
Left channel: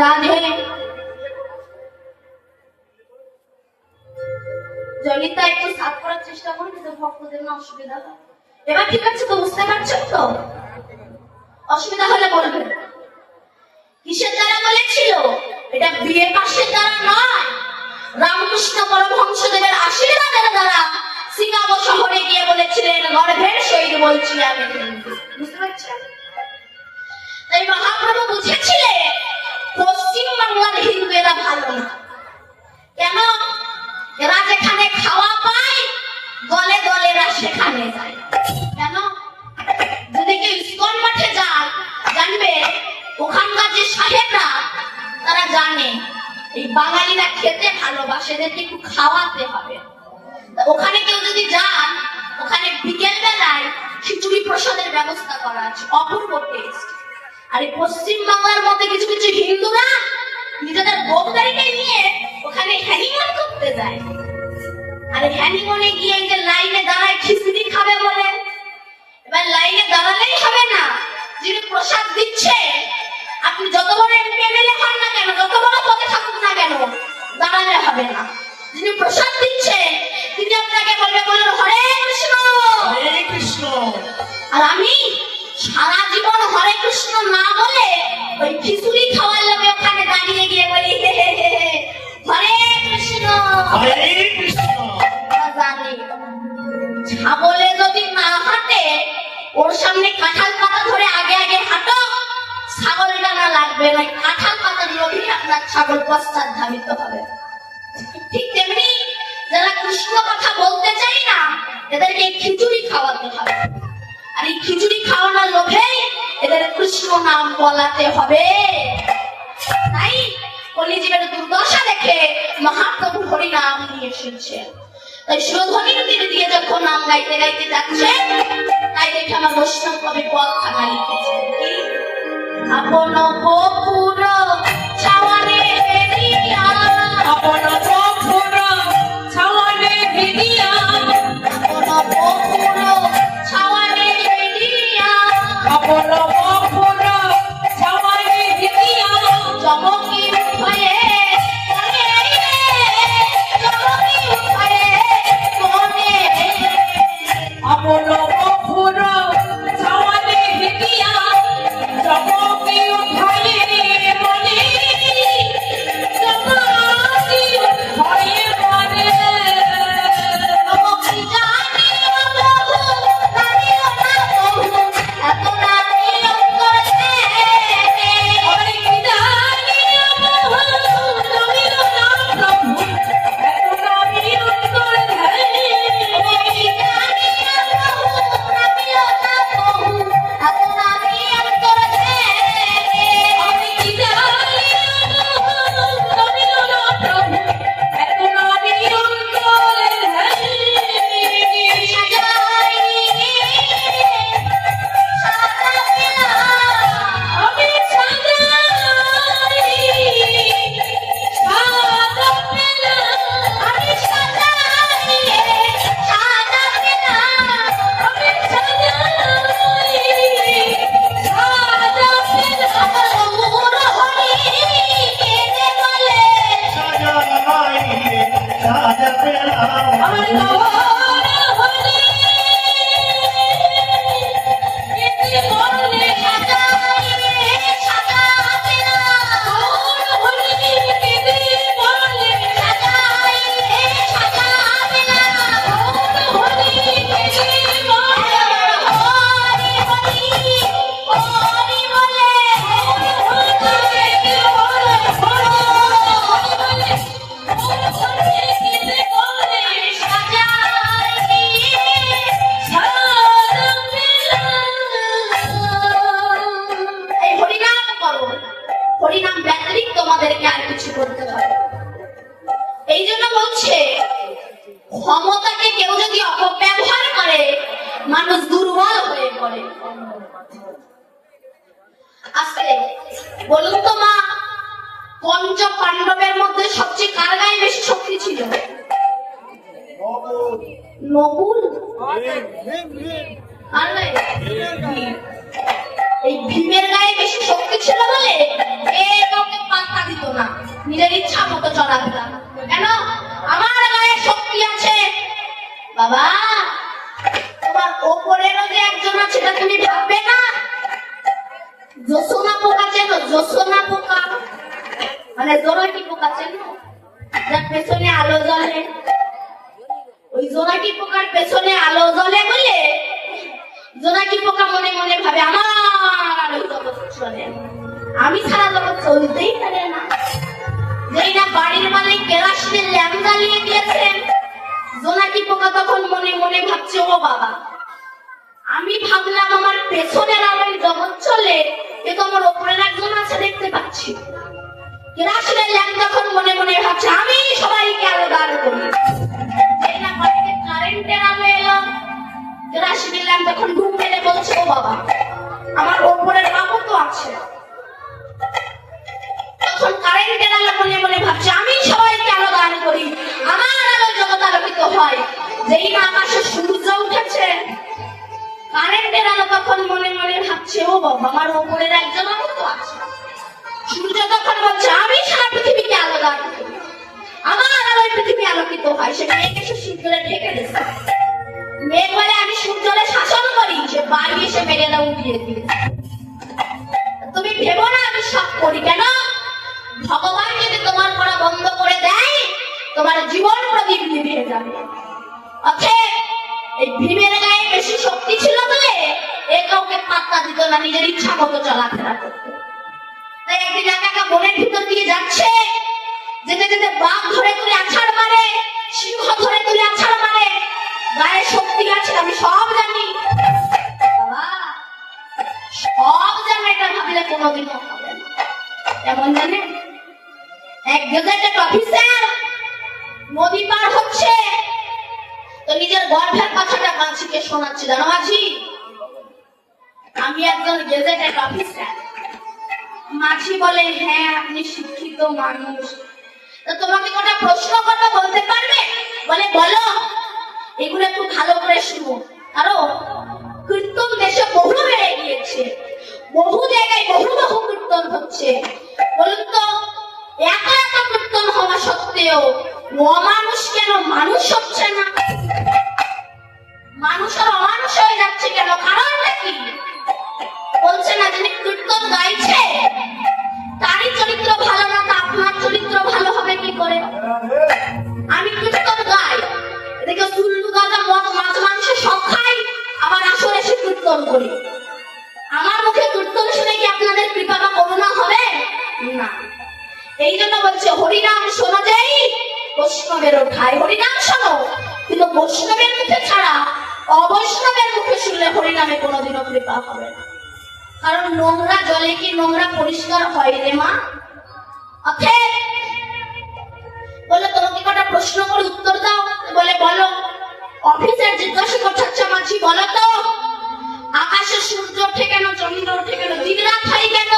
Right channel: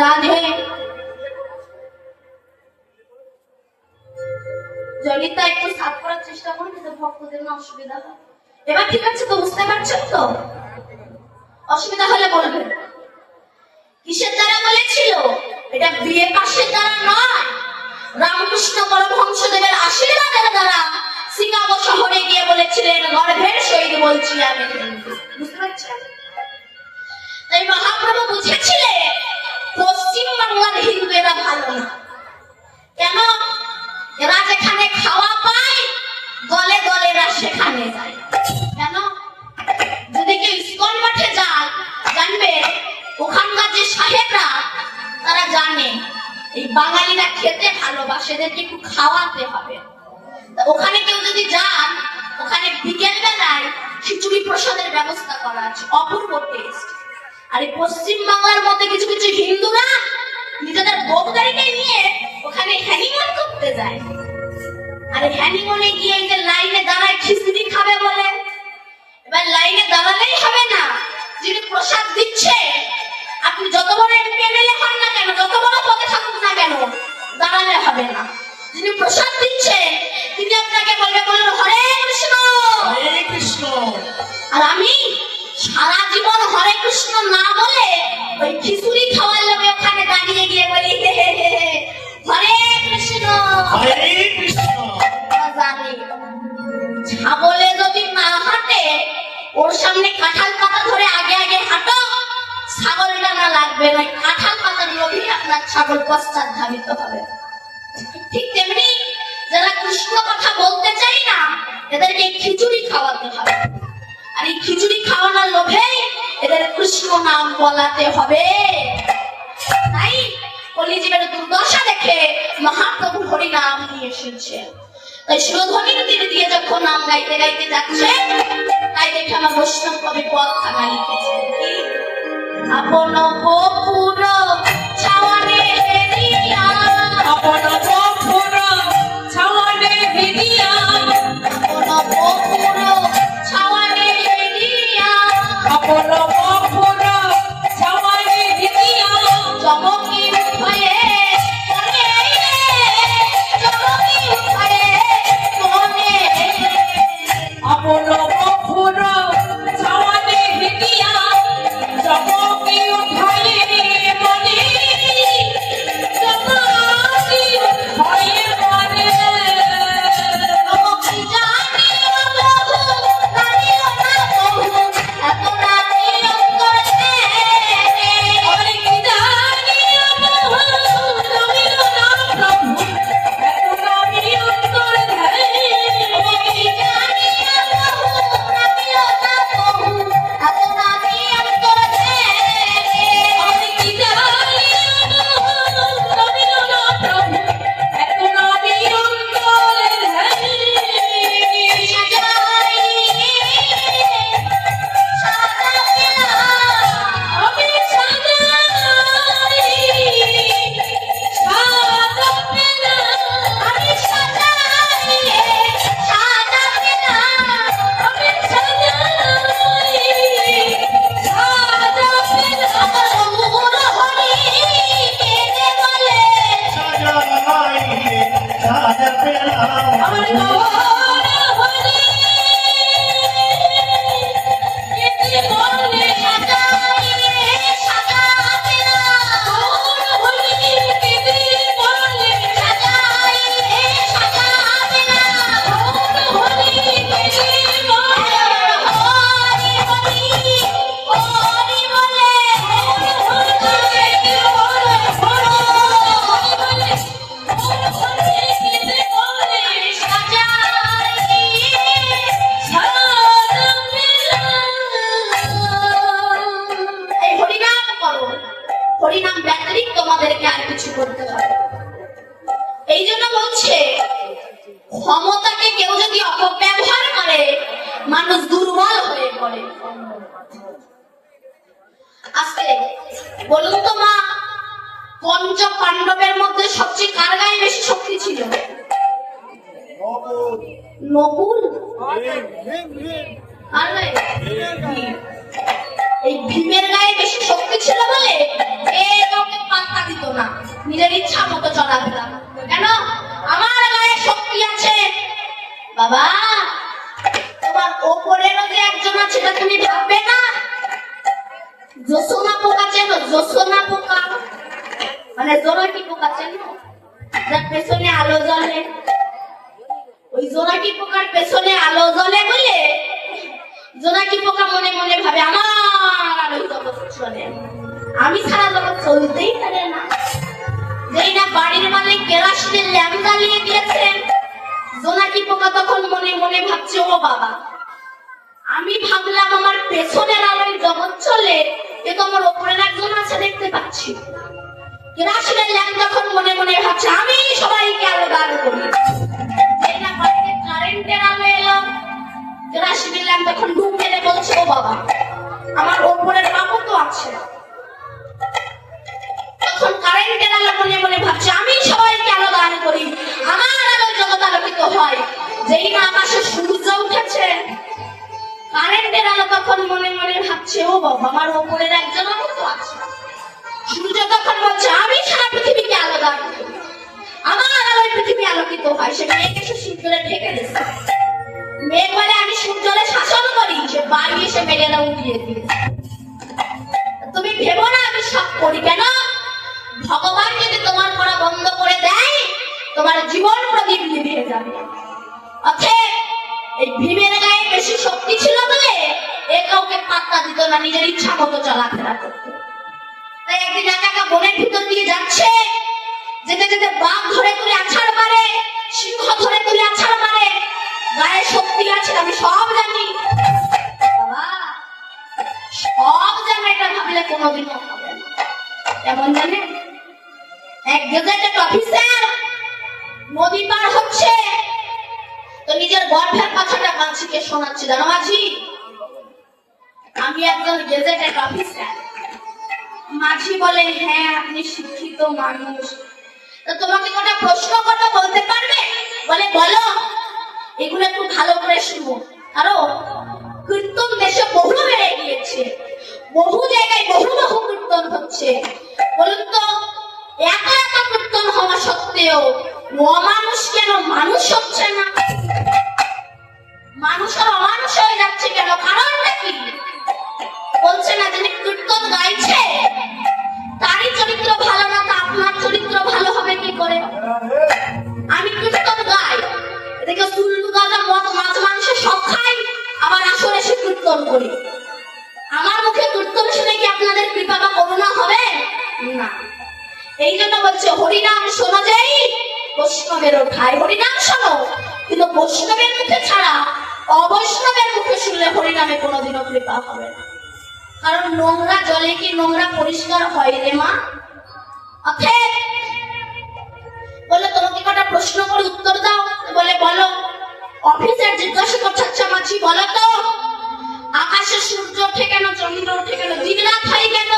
রাধে জনিতা একটু সাফ করার চেষ্টা করুন, তো ভক্তদের না অসুবিধা হয়। এবার ঠিক আছে তো? বুঝতে পারছেন তো? অসুবিধা হলে বলবেন। কিসের দ্বারা বলেছিল? এটা বিয়ে পাশের দ্বারা নয়, রামকৃষ্ণ পরমহংসদেবের আশীর্বাদের দ্বারা শিকাগো শহরে গিয়ে বলেছিলেন, গর্ভের সহিত বলছি আমি। বুঝতে পারছেন? তাই মহাপ্রভু বুঝেছিলেন পশ্চিম বাংলার হিন্দুরা ভালো না। কেন? এরা যেখানে খাওয়া পায় দলে দলেরা সেখানে যায়। কেন? যদি কেউ ইস্কন মঠে যায়, জানবে ওখানকার যে সাহেবরা তারা জানে এই বাঙালিরা খেতে ভালোবাসে, এদেরকে একটু খাওয়াতে হবে। ওখানে কেউ যদি যান, ওখানে বিকেল বেলায় খিচুড়ি প্রসাদের ব্যবস্থা করা আছে, অপূর্ব টেস্ট। আর এই পশ্চিম বাংলার মধ্যে কিছু কিছু হিন্দুরা নিজেদের বউদেরকে নিয়ে ওখানে হ্যানিমুন করতে যায়। আর হ্যানিমুনে গিয়ে যে লাইনে দাঁড়ায় খিচুড়ি খাবে বলে, এবার লাইনে দাঁড়ালেই হবে না। যিনি প্রসাদ দিচ্ছে, আপনি যত বড় এমএলএ হন না কেন, যত বড় পদে থাকুন না কেন, দাঁড়ালে হবে না। যিনি প্রসাদ দিচ্ছে তিনি আপনাকে বলবে, বলুন হরে কৃষ্ণ হরে কৃষ্ণ। আর আমি সারা জীবন হরে কৃষ্ণ না বলে ওই খিচুড়ি খাওয়ার লোকে ওখানে দাঁড়িয়ে গিয়ে বলি হরে কৃষ্ণ হরে কৃষ্ণ। জানি ছাগলে যদি না হাঁটে, ওর সামনে কাঁঠাল পাতা ধরে আগে আগে হাঁটো, ছাগলটা না লাগবে না, কাঁঠাল পাতার লোভে আপনার ছাগল পশ্চাৎ ধাবিত হবে। ঠিক তেমনি যারা কৃষ্ণ কথা বলতে চাই না, এদেরকে খিচুড়ি খাওয়াতে হবে। আর এই খিচুড়ি খাওয়ানোর লোভে এদের কৃষ্ণ নাম বলাতে হবে। তাই কলিযুগের দুর্দশা দেখে মহাপ্রভু হরি নাম নিয়ে এসেছে। তাই শিরোধনির তীরে দিয়ে যখন নাম গাইতে গাইতে যাচ্ছে, তাই দেখে আমার বৈষ্ণব কবি পদ থাকা লিখেছে, আপন গোপুর ছাওয়ানে হেরিয়া, আপন গোপুর ছাওয়ানে হেরিয়া, আপন গোপুর ছাওয়ানে হেরিয়া, আপন গোপুর ছাওয়ানে হেরিয়া, চমকি উঠে মনে রে, চমকি উঠে মনে রে, আপন গোপুর ছাওয়ানে হেরিয়া, চমকি উঠে মনে, চমকি উঠে মনে, চমকি জানি বহু জানিও না বহু, এত রাতি অন্তরে অনেক জানি বহু জানিও না প্রভু, এত রাতি অন্তরে অনেক জানি বহু জানিও না বহু, এত রাতি অন্তরে অনেক জানি বহু জানিও না প্রভু, এত রাতি অন্তরে হরিনাম ব্যতিরিক্ত তোমাদেরকে আর কিছু করতে হয়। এই জন্য বলছে ক্ষমতাকে কেউ যদি অপব্যবহার করে, মানুষ দুর্বল হয়ে পড়ে। করে। আজকে বলুন তো মা, পঞ্চ পাণ্ডবের মধ্যে সবচেয়ে কার গায়ে বেশি শক্তি ছিল? নকুল। এই ভীমের গায়ে বেশি শক্তি ছিল বলে কাউকে পাত্তা দিত না, নিজের ইচ্ছা মতো চলাতে লাগতো। কেন? আমার গায়ে শক্তি আছে। বাবা, তোমার ওপরেরও যে একজন আছে সেটা তুমি ভাববে না? জোসনা পোকা চেনো? জোসনা পোকা মানে জোনাকি পোকা চেনো? যার পেছনে আলো জ্বলে। ওই জোনাকি পোকার পেছনে আলো জ্বলে বলে জোনাকি পোকা মনে মনে ভাবে আমার আলোয় জগৎ চলে, আমি ছাড়া জগৎ চলতেই পারে না। যেই না বাড়ির মালিক কেরাসিনের ল্যাম্প জ্বালিয়ে দিয়েছেন, জোনাকি পোকা তখন মনে মনে ভাবছে, ও বাবা, আমি ভাবলাম আমার পেছনের আলোয় জগৎ চলে, কিন্তু আমার ওপরের একজন আছে দেখতে পাচ্ছি। কেরাসিনের ল্যাম্প তখন মনে মনে ভাবছে আমি সবাইকে আলো দান করি। যেই না বাড়িতে কারেন্টের আলো এলো, কেরাসিনের ল্যাম্প তখন ঘুম পেলে বলছে, ও বাবা, আমার ওপরের বাবা তো আছে। তখন কারেন্টের আলো মনে মনে ভাবছে আমি সবাইকে আলো দান করি, আমার আলো জগৎ আলোকিত হয়। যেই না আকাশে সূর্য উঠেছে, কারেন্টের আলো তখন মনে মনে ভাবছে, ও বাবা, আমার ওপরের একজন তো আছে। সূর্য তখন বলছে আমি সারা পৃথিবীকে আলো দান করি, আমার আলোয় পৃথিবী আলোকিত হয়। সে মেয়েকে সে সূর্যে ঢেকে দিচ্ছে। মেয়ে বলে আমি সূর্যরে শাসন করি, সে বাড়ি এসে মেয়েরা উঠিয়ে দিয়েছে। তুমি ভেবো না আমি সব করি। কেন? ভগবান যদি তোমার করা বন্ধ করে দেয়, তোমার জীবন প্রদীপ নিভে যাবে। অতএব এই ভীমের গায়ে বেশি শক্তি ছিল বলে এ কাউকে পাত্তা দিত না, নিজের ইচ্ছা মতো চলাফেরা করত। তাই একদিন একা বনের ভিতর দিয়ে যাচ্ছে, যেতে যেতে বাঘ ধরে তুলে আছাড় মারে, সিংহ ধরে তুলে আছাড় মারে। গায়ে শক্তি আছে আমি সব জানি, সব জানি, এটা ভাবলে কোনোদিন হবে না। কেমন জানে? এক গেজেটেড অফিসার নদী পার হচ্ছে, তো নিজের গর্ভের কথাটা মাঝিকে শোনাচ্ছে। জানো মাঝি, আমি একজন গেজেটেড অফিসার। মাঝি বলে, হ্যাঁ আপনি শিক্ষিত মানুষ, তো তোমাকে কোনো প্রশ্ন করতে বলতে পারবে? বলে বলো। এগুলো একটু ভালো করে শুনো। আরো কীর্তন দেশে বহু বেড়ে গিয়েছে, বহু জায়গায় বহু বহু কীর্তন হচ্ছে। বলুন তো, একা একা কীর্তন হওয়া সত্ত্বেও অমানুষ কেন মানুষ হচ্ছে না? মানুষ অমানুষ হয়ে যাচ্ছে কেন? কারণটা কি? বলছে না যিনি কীর্তন গাইছে তারই চরিত্র ভালো না, তা আপনার চরিত্র ভালো হবে কি করে? আমি কীর্তন গাই, এদিকে চুল্লু গাঁজা মদ মাছ মাংস সব খাই, আবার আসরে এসে কীর্তন করি। আমার মুখে কীর্তন শুনে কি আপনাদের কৃপা বা করুণা হবে না? এই জন্য বলছে হরিনাম শোনা যায় বৈষ্ণবের ঠাই। হরিনাম শোনো, কিন্তু বৈষ্ণবের মুখে ছাড়া অবৈষ্ণবের মুখে শুনলে হরিনামে কোনোদিনও কৃপা হবে না। কারণ নোংরা জলে কি নোংরা পরিষ্কার হয় রে মা? অতএব বলে তোমাকে কটা প্রশ্ন করে উত্তর দাও। বলে বলো। অফিসার জিজ্ঞাসা করছে, আচ্ছা মাছি বলো তো, আকাশে সূর্য ওঠে কেন, চন্দ্র ওঠে কেন, দিন রাত হয় কেন?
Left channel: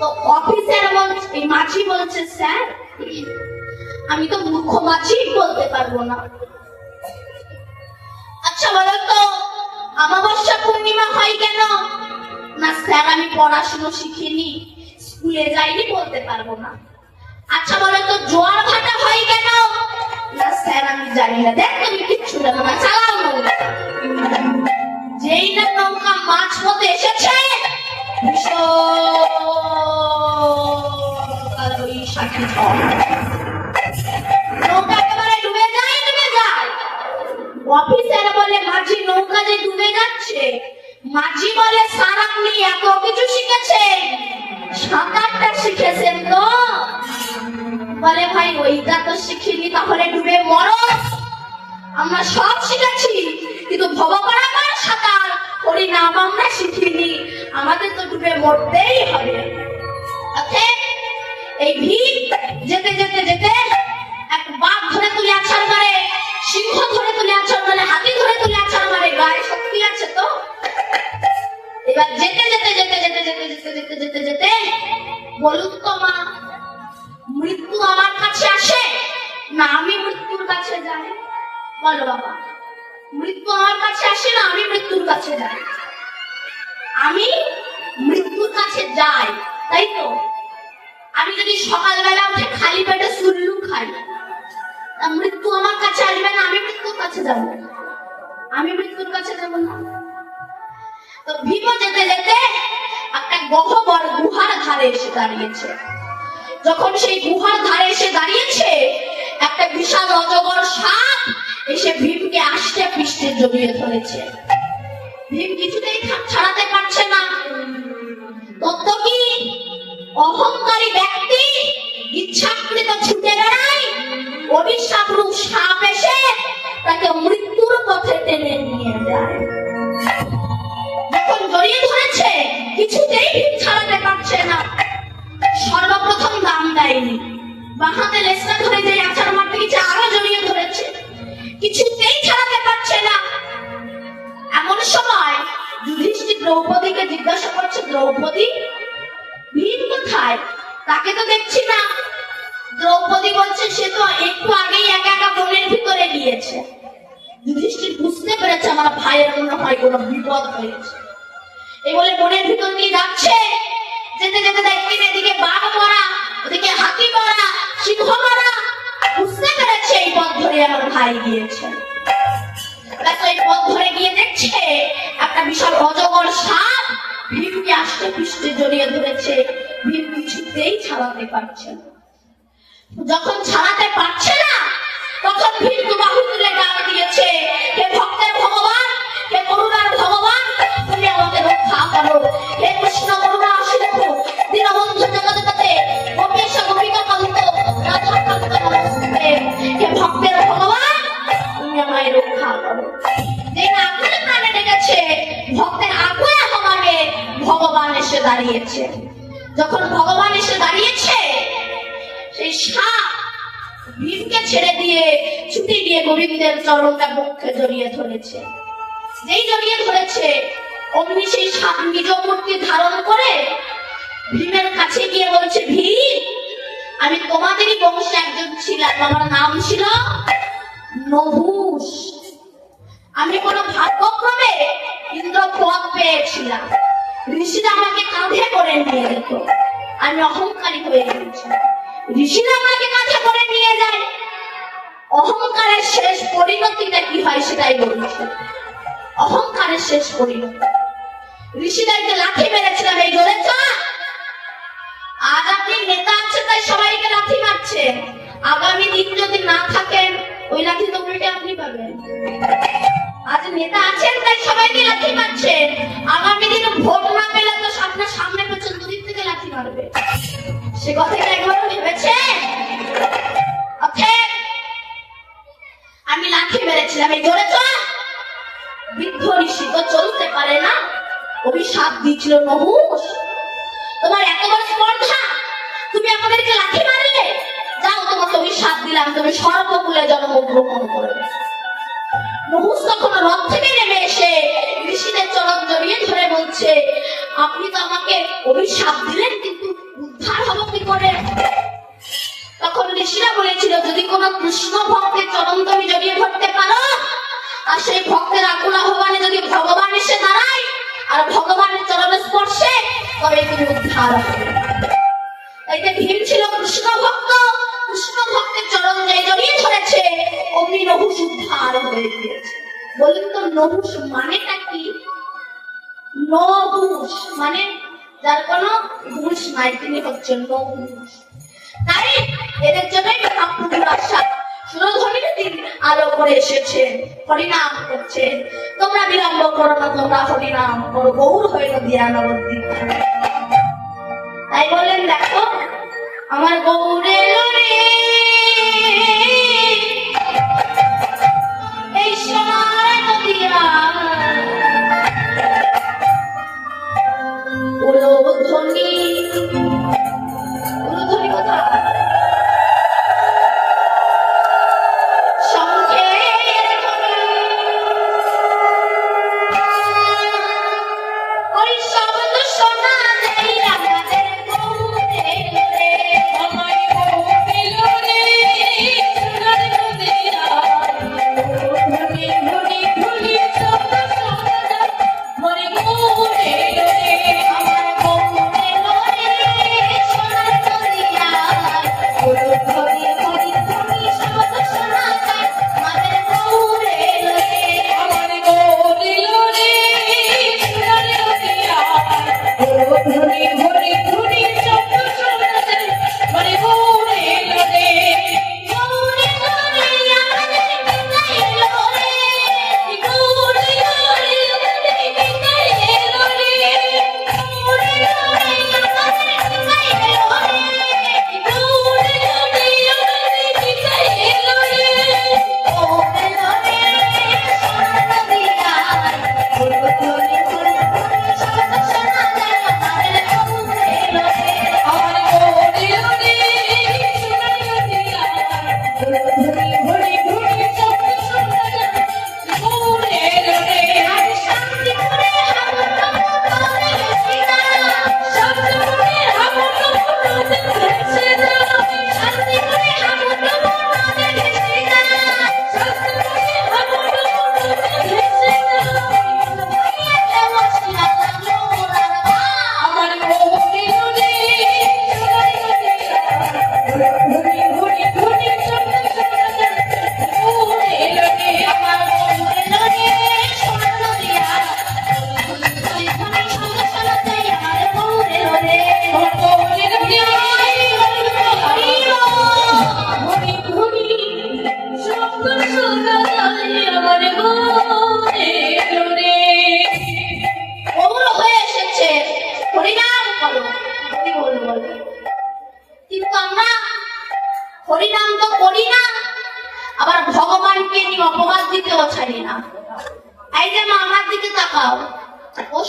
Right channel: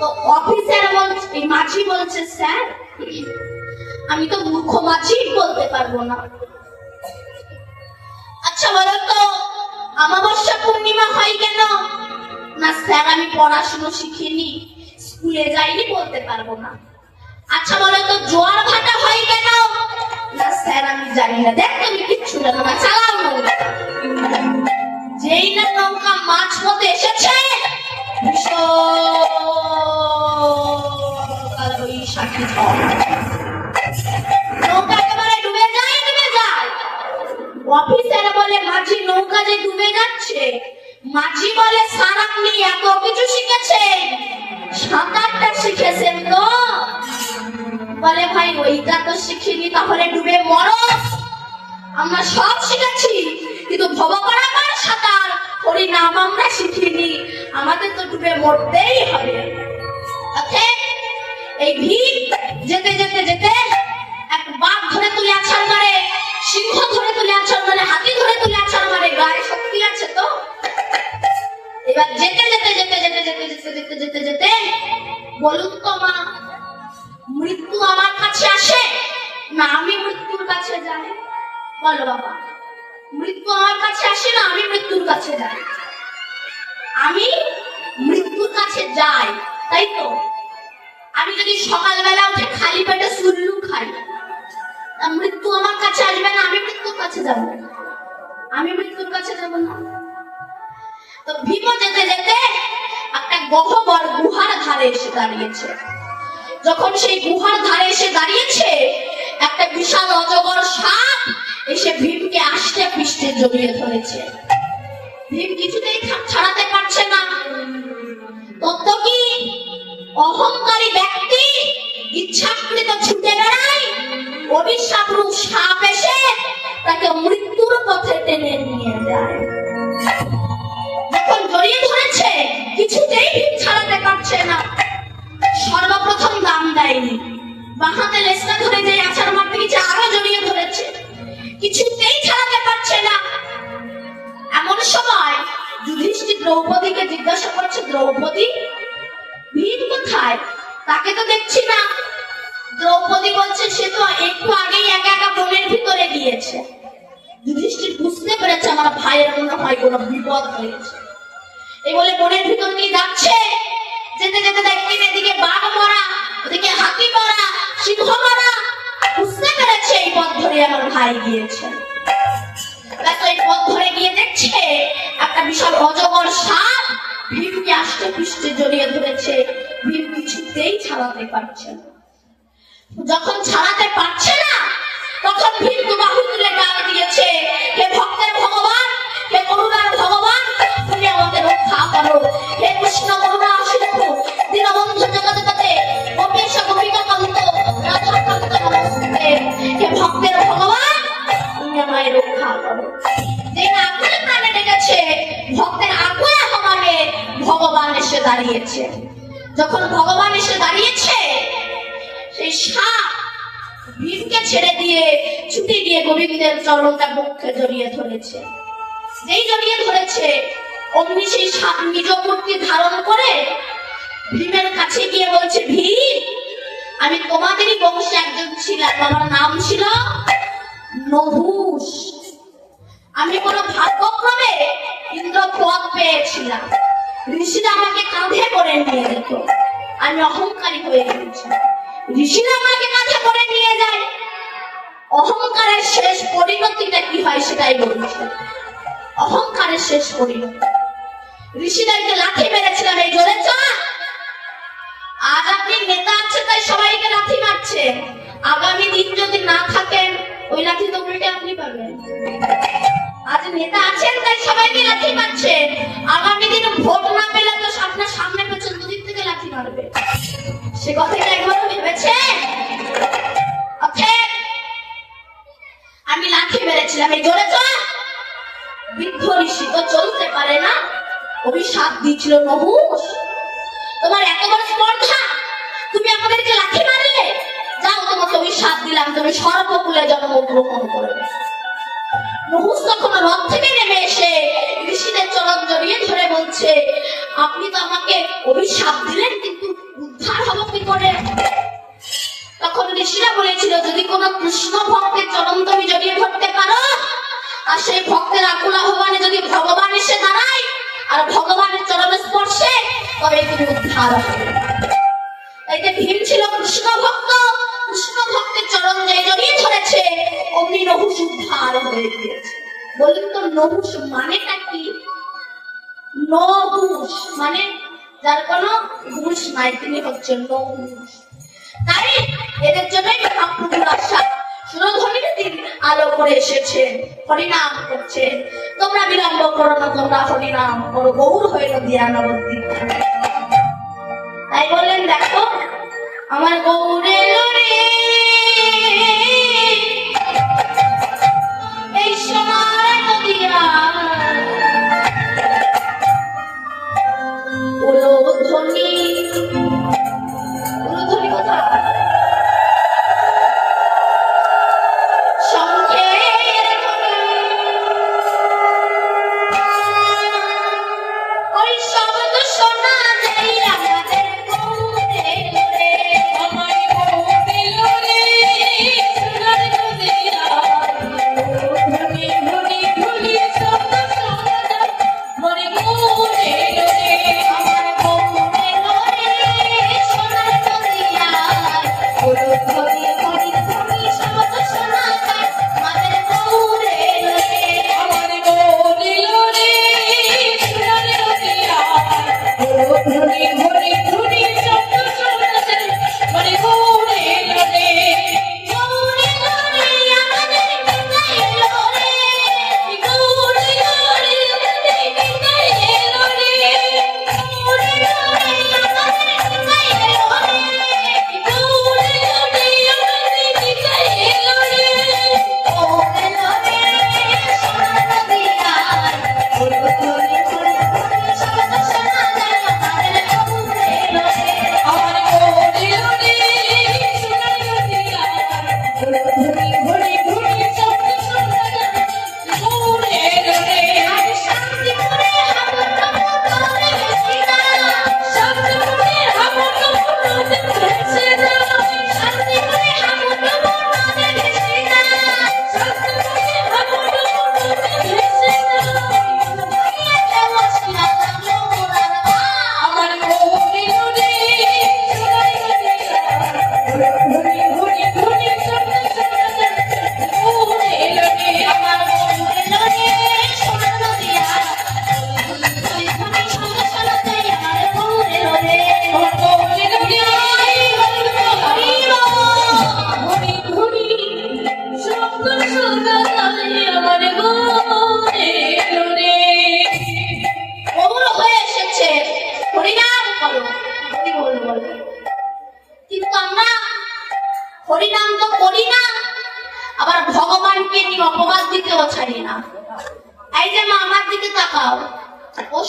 তো অফিসার বলছে, মাছি বলছে, স্যার আমি তো মূর্খ, মাছি বলতে পারবো না। আচ্ছা বলো তো, অমাবস্যা পূর্ণিমা হয় কেন? না স্যার আমি পড়াশুনো শিখিনি, স্কুলে যাইনি, বলতে পারবো না। আচ্ছা বলো তো, জোয়ার ভাটা হয় কেন? না স্যার আমি জানি না। দেখ তুমি কিচ্ছু জানো না, চালাও নৌকা। যেই না নৌকা মাছ পথে এসেছে, নৌকা একেবারে ডুবে যায়, ডুবে যায়। অফিসার বলে, মাঝি নৌকা যে ডুবে যাচ্ছে। মাঝি বলে, স্যার আপনি এত কিছু শিখেছে, সাঁতারটা শিখেছেন তো? বলে ভাই ওইটা তো শিখিনি, তাহলে ডুবে মরো। আমরা সব শিখেছি, কিন্তু ভব করা পার সাঁতার হরিনাম আমরা শিখিনি, আমাদের তো ডুবে মরতেই হবে। এই ভীম যেতে যেতে যেতে এক বাঘ ধরে তুলে আছাড় মারে, সিংহ ধরে তুলে আছাড় মারে, হাতি ধরে তুলে আছাড় মারে। গায়ে শক্তি আছে তো, বলো বাবা, মৃত্যু আমার কাছে আসে না, আমি মৃত্যুর কাছে যাই। আমি মৃত্যুর কাছে যাই, তাই তো? আমি যদি সকালবেলা উঠে খালি পেটে সুল্লু খাই, তা মৃত্যু আমার কাছে আসবে না, আমি মৃত্যুর কাছে যাব। আমি মৃত্যুর কাছে যাব না। তো ভীম যেতে যেতে একটা গহ্বর গুহার ধারে এসে দাঁড়িয়েছে। যখন সেই গুহার ধারে এসে দাঁড়িয়েছে, একটা বিশাল অজগর সাপ এসে ভীমকে আষ্টে পৃষ্ঠে জড়িয়ে ধরেছে। ভীম কিছুতেই ছাড়াতে পারছে না। তত কি অহংকারী ব্যক্তি ইচ্ছাকৃত ছুটে বেড়ায়, অভিশাপ রূপ সাপ এসে তাকে মৃত্যুর পথে টেনে নিয়ে যায়। যখন জড়িয়ে ধরেছে, কিছুতেই ভীম ছাড়াতে পারছে না। সর্বপ্রথম দাম দেয়নি, বাহাতে লেজটা ধরে যে আছাড় মারতে গেছে, আরো জড়িয়ে ধরেছে, কিছুতেই ছাড়াতে পারছে না। এমন সময় যুধিষ্ঠির দ্রৌপদীকে জিজ্ঞাসা করছে, দ্রৌপদী, ভীম কোথায়? তাকে তো দেখছি না। দ্রৌপদী বলছে, সে তো একটু আগেই একা একা বনের ভিতরে গিয়েছে। যুধিষ্ঠির বুঝতে পেরেছে আমার ভাইয়ের মনে হয় কোনো বিপদ হয়েছে। এই বলে বনের ভিতর দিয়ে যাচ্ছে। যেতে যেতে দেখছেন এদিকে বাঘ মরা, ওদিকে হাতি মরা, সিংহ মরা। বুঝতে পেরেছে এই পথ ধরে আমার ভাই গিয়েছে। এই পথ ধরে গিয়ে দেখছে একটা বিশাল অজগর সাপ ভীমকে আষ্টে পৃষ্ঠে জড়িয়ে ধরেছে। ভীম কিছুতেই ছাড়াতে পারছে না। যখন ছাড়াতে পারছে না, তখন ভীম বাহু তুলে গান দিয়েছে, হে ভক্তের ভগবান, হে করুণার ভগবান, তুমি আমাকে রক্ষা করো। হে কৃষ্ণ করুণা সিন্ধু দীনবন্ধু জগৎপতে গোপীশ গোপিকা কান্ত রাধা কান্ত নমস্তে। হে ভক্তের ভগবান, তুমি আমায় রক্ষা করো। যে আকুল প্রাণে ডেকেছে, ভক্তের আকুল আহ্বানে ভগবান এসে দাঁড়িয়েছে। যখন ভগবান এসে দাঁড়িয়েছে, সেই সাপ ভীমকে ছেড়ে দিয়ে ছুটে গিয়ে গোবিন্দের চরণটা মুখে জড়িয়ে ধরেছে। যেই জড়িয়ে ধরেছে, অমনি সেই সাপ নিজ মূর্তি ধারণ করে ভীমের কাছে গিয়ে বলছে, ভীম, আমি তোমাদেরই বংশে একজন ছিলাম, আমার নাম ছিল নহুষ। আমি কোনো ভাগ্যক্রমে ইন্দ্র পদ পেয়েছিলাম, ঋষিরা আমাকে কাঁধে করে নিয়ে যেত। আমি অহংকারী হয়ে গেছি, ঋষিরা আমাকে কাঁধে করে নিয়ে যায়। অহংকারের শেষ পরিণতিটা কি হয় সেটাই বলছি। অহংকারের শেষ পরিণতি, ঋষিদেরকে লাঠি মেরেছিলাম, এই জোরে চল। আজ আপনি নেতা আছে তাই সবাইকে লাঠি মারছেন, আগামী দিন যদি না থাকে ওই লাঠি তো উল্টে আপনি পাবেন। আজ নেতা আছেন তাই সবাইকে লাঠি মারছেন, আগামী দিন ভোট না পেলে তো আপনার সামনে পেছন দুদিক থেকে লাঠি মারবে। সে কথাটা একবারও ভেবেছে? আমি লাঠি মেরেছিলাম, এই জোরে চল। বৃদ্ধ ঋষি তো চলতে পারে না, অভিশাপ দিয়েছিল, নহুষ তোমার এতবার স্পর্ধা, তুমি আমাদেরকে লাঠি মারলে, যাও তোমাকে অভিশাপ দিলাম, তুমি সর্বকুলে জন্মগ্রহণ করবে। নহুষ তখন রথ থেকে নেমে এসে ঋষিদের চরণ জড়িয়ে ধরে বলছে, আপনি তো আমাকে অভিশাপ দিলেন, কিন্তু উদ্ধার হবো কি করে? তখন ঋষিরা বলেছিল, যদি কোন কৃষ্ণ ভক্তের চরণ তুমি জড়িয়ে ধরতে পারো, আর সেই ভক্তের আকুল আহ্বানে যদি ভগবান এসে দাঁড়ায় আর ভগবানের চরণ স্পর্শে, তবে তুমি উদ্ধার হবে। এতে ভীম ছিল কৃষ্ণ ভক্ত, কৃষ্ণ ভক্তের চরণ যে জড়িয়ে ধরেছে, অমনি নহুষ উদ্ধার হয়ে গিয়েছে। বললেন তো নহুষ মানেটা কি? নহুষ মানে যার কোনো হুঁশ নাই, তিনি হচ্ছেন নহুষ। তাই এদের জন্যই মহাপ্রভুর আশা সুরধ্বনির দিন আলো করে এসেছে, হরিনাম করছেন। তোমরা বিলম্ব করো না, তোমরা হরিনাম করো, গৌর হইল দিয়ানবতী। তাই বললেন, দেখো আমার গৌরে এই সময় নদিয়া উলধ্বনি, উলধ্বনি কথা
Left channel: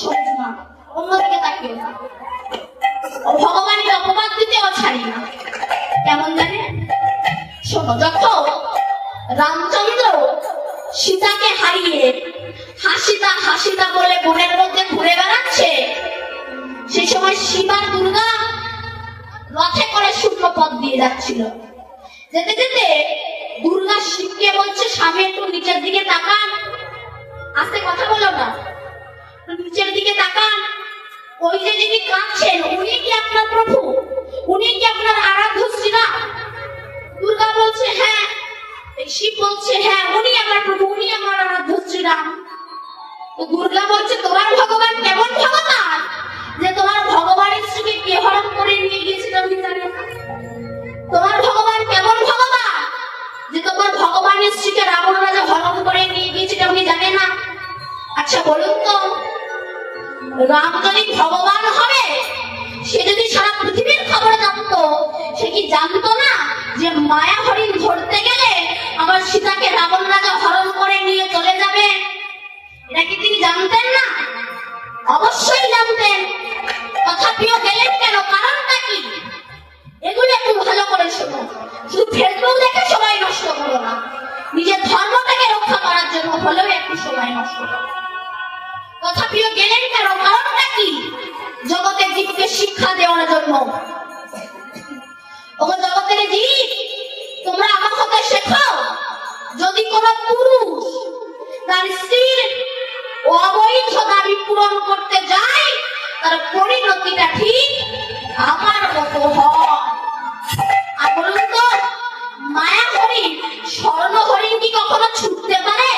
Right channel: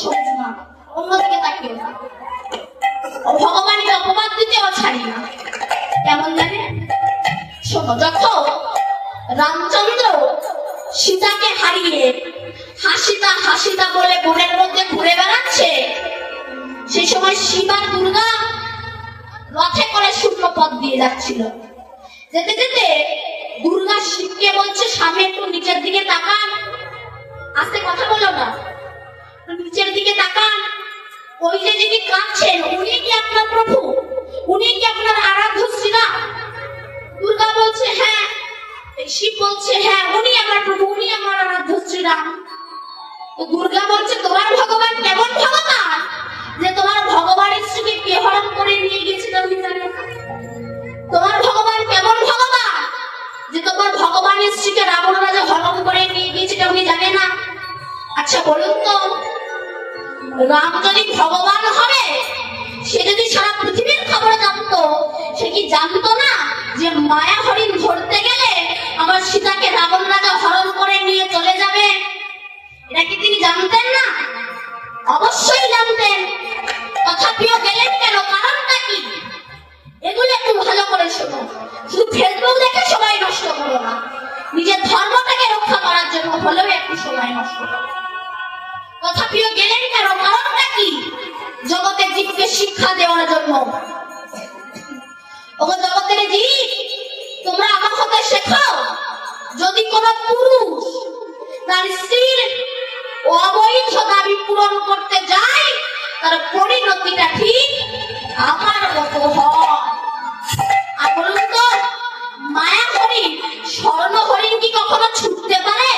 সবুজ মা, অন্যদিকে তাকিও না। ও ভগবানের অপবাদ দিতেও ছাড়ি না। কেমন জানে? শোনো, যখন রামচন্দ্র সীতাকে হারিয়ে হাসিতা হাসিতা বলে বনের মধ্যে ঘুরে বেড়াচ্ছে, সে সময় শিব আর দুর্গা রথে করে শূন্য পথ দিয়ে যাচ্ছিল। যেতে যেতে দুর্গা শিবকে বলছে, স্বামী একটু নিচের দিকে তাকান, আস্তে কথা বলো না, নিচের দিকে তাকান, ওই যে যিনি কাঁদছেন উনি কি আপনার প্রভু? উনি কি আপনার আরাধ্য শ্রীরাম? দুর্গা বলছে হ্যাঁ। শিব বলছে হ্যাঁ, উনি আমার প্রভু, উনি আমার আরাধ্য শ্রীরাম। তো দুর্গা বলছে, তোমার ভগবান কেমন ভগবান যে তোমার ভগবানের স্ত্রীকে কে হরণ করে নিয়ে গেছিল উনি জানে না? তোমার ভগবান কেমন ভগবান যে তোমার ভগবানের স্ত্রীকে রাবণ রাজা হরণ করে নিয়ে গিয়েছিল উনি জানে না? আচ্ছা বলুন তো, রাম যদি ভগবান হবে, সে যদি সারা পৃথিবীর খবর জানতো, সে কি জানতো না যে মায়া হরিণ ধরতে গেলে আমার সীতাকে রাবণ রাজা হরণ করে নিয়ে চলে যাবে? এটা কি তিনি জানতেন না? অবশ্যই জানতেন। তথাপিও গেলেন কেন? কারণটা কি? এগুলো একটু ভালো করে শোনো। শুধু ফেসবুক দেখে সময় নষ্ট করো না, নিজের ধর্মটাকে রক্ষা করার জন্য হলেও একটু সময় নষ্ট করো। তথাপিও গেলেন কেন? কারণটা কি? জগতের জীবকে শিক্ষা দেওয়ার জন্য। ও জগতের জীব, তোমরা আমার কথা শেখো, যদি কোন পুরুষ তার স্ত্রীর অবৈধ দাবি পূরণ করতে যায়, তার পরিণতিটা ঠিক আমার মতো হয়। আর বলুন তো, মায়া হরিণ স্বর্ণ হরিণ কি কখনো ছুটতে পারে?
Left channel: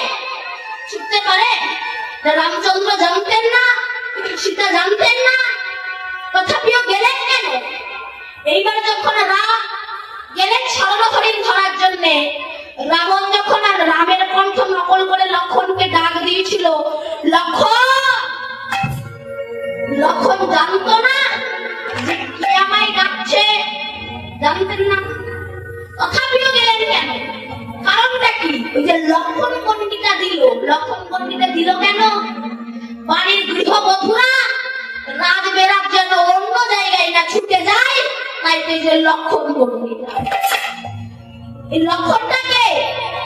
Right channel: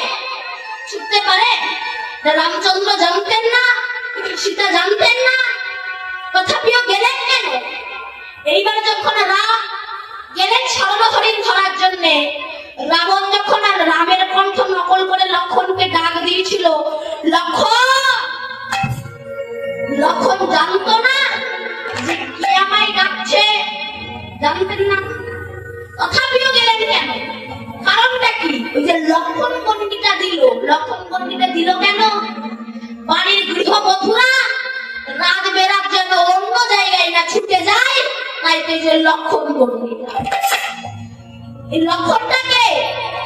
ছুটতে পারে? রামচন্দ্র জানতেন না? সীতা জানতেন না? তথাপিও গেলেন কেন? এইবার যখন রাম গেলেন স্বর্ণ হরিণ ধরার জন্য, রাবণ যখন আর রামের কণ্ঠ নকল করে লক্ষণকে ডাক দিয়েছিল, লক্ষণ, লক্ষণ জানতো না যে কে আমায় ডাকছে? জানতেন না। তথাপিও গেলেন কেন? কারণটা কি? ওই যে লক্ষণ গণ্ডিটা দিল। লক্ষণ গণ্ডিটা দিল কেন? বাড়ির গৃহবধূরা রাত বেরাত যেন অন্য জায়গায় না ছুটে যায়, তাই তো যে লক্ষণ গণ্ডিটা। এই লক্ষণটাকে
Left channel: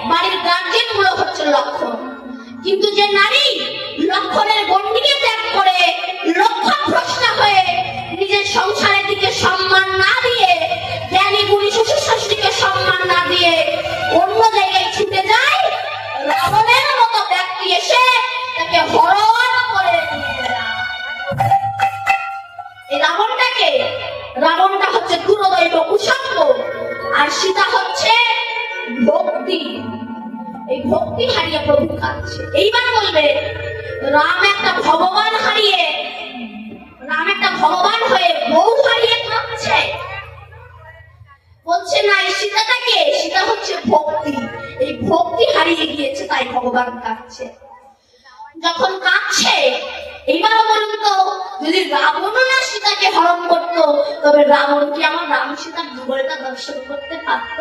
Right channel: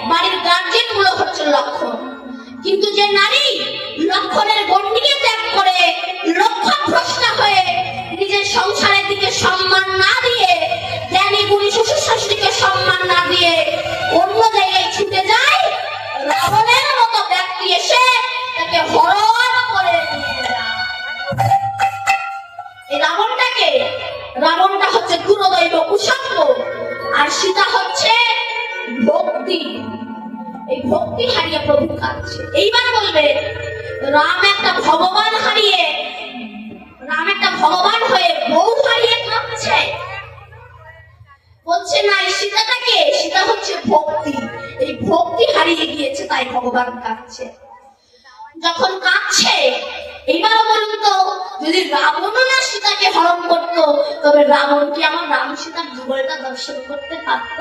বাড়ির গার্জেন গুলো হচ্ছে লক্ষণ। কিন্তু যে নারী লক্ষণের গণ্ডিকে ত্যাগ করে লক্ষ্যভ্রষ্টা হয়ে নিজের সংসারের দিকে সম্মান না দিয়ে, জ্ঞানী গুণী শ্বশুর শাশুড়িকে সম্মান না দিয়ে অন্য জায়গায় ছুটে যায়, রাবণের মতো ব্যক্তি এসে তাকে হরণ করে। এই রাবণটাকে, রাবণটা হচ্ছে কুলদৈব কুসঙ্গ, আর সীতা হচ্ছে ভক্তি। এই ভক্তি হারিয়ে প্রভু কাঁদছে। এইবার বলবে, রাম একটা ভগবান হারিয়ে, রাম একটা ভগবান হয়ে বউ হারিয়ে কাঁদছে। বলছে না, এই সীতাটাকে, সীতা হচ্ছে ভক্তি। এই ভক্তি হারিয়ে গিয়েছে তাই ভগবান কাঁদছে। যখন কাঁদছে, এবারও বলুন তো, যদি রাবণ না সীতাকে হরণ করতো, তবে রাবণ কি আমার রাম সীতার যুগলটা দর্শন করতে পারত?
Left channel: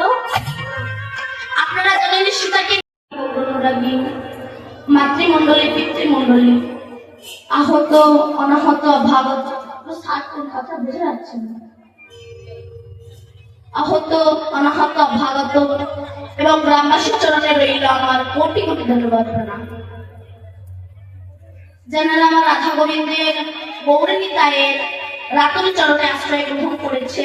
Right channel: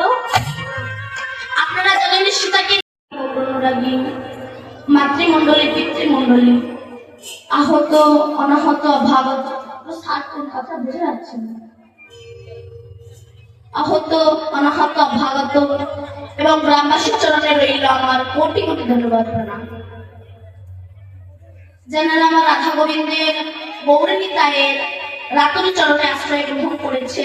আপনারা জানেন সীতাকে মাতৃমণ্ডলী, পিতৃমণ্ডলী, আহত, অনাহত, ভাগত, কথা বুঝে যাচ্ছেন? আহত, অনাহত, ভাগত এবং গ্রামবাসীর চরণে রইল আমার কোটি কোটি ধন্যবাদ প্রণাম। জানেন আমার রাধা গোবিন্দের গৌরী তায়ের রাতুল চরণে আশ্রয় গ্রহণ করেছে,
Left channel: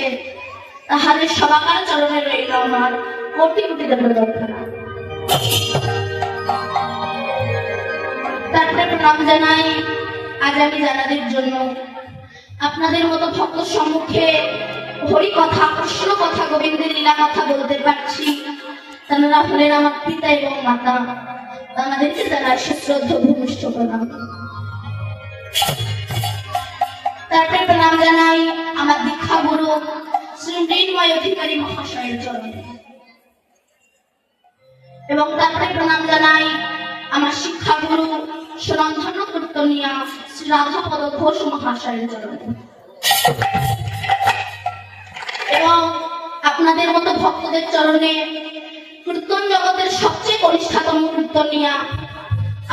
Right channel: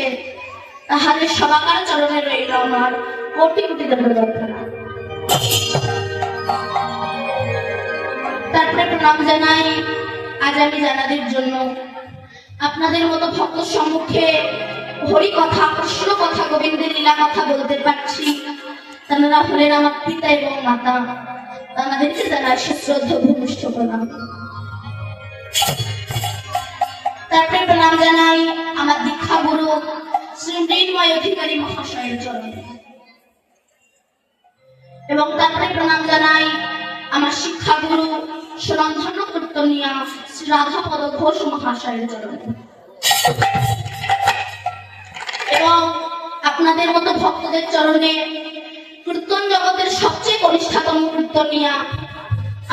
তাহাদের সবাকার চরণে রইল আমার কোটি কোটি ধন্যবাদ প্রণাম। তারপরে প্রণাম জানাই আজ আমি জানাদের জন্য আপনাদের মতো ভক্ত সম্মুখে হরি কথা, কৃষ্ণ কথা, গোবিন্দের লীলা কথা বলতে পারছি। তারা হলেন আমার পিতা এবং মাতা, তাদেরকে জানাই সশ্রদ্ধ ভূমিষ্ঠ প্রণাম। তারপরে প্রণাম জানাই আমার দীক্ষা গুরু শ্রী মৃন্ময় অধিকারী মহাশয়ের চরণে, এবং তারপরে প্রণাম জানাই আমার শিক্ষা গুরু সুরন্ধন্য কীর্তনিয়া শ্রী রাধাপদ ঘোষ মহাশয়ের চরণে, এবং আপনাদের মতো ভক্তদের চরণে কীর্তন জগতের সবচেয়ে কনিষ্ঠাতম কীর্তনিয়া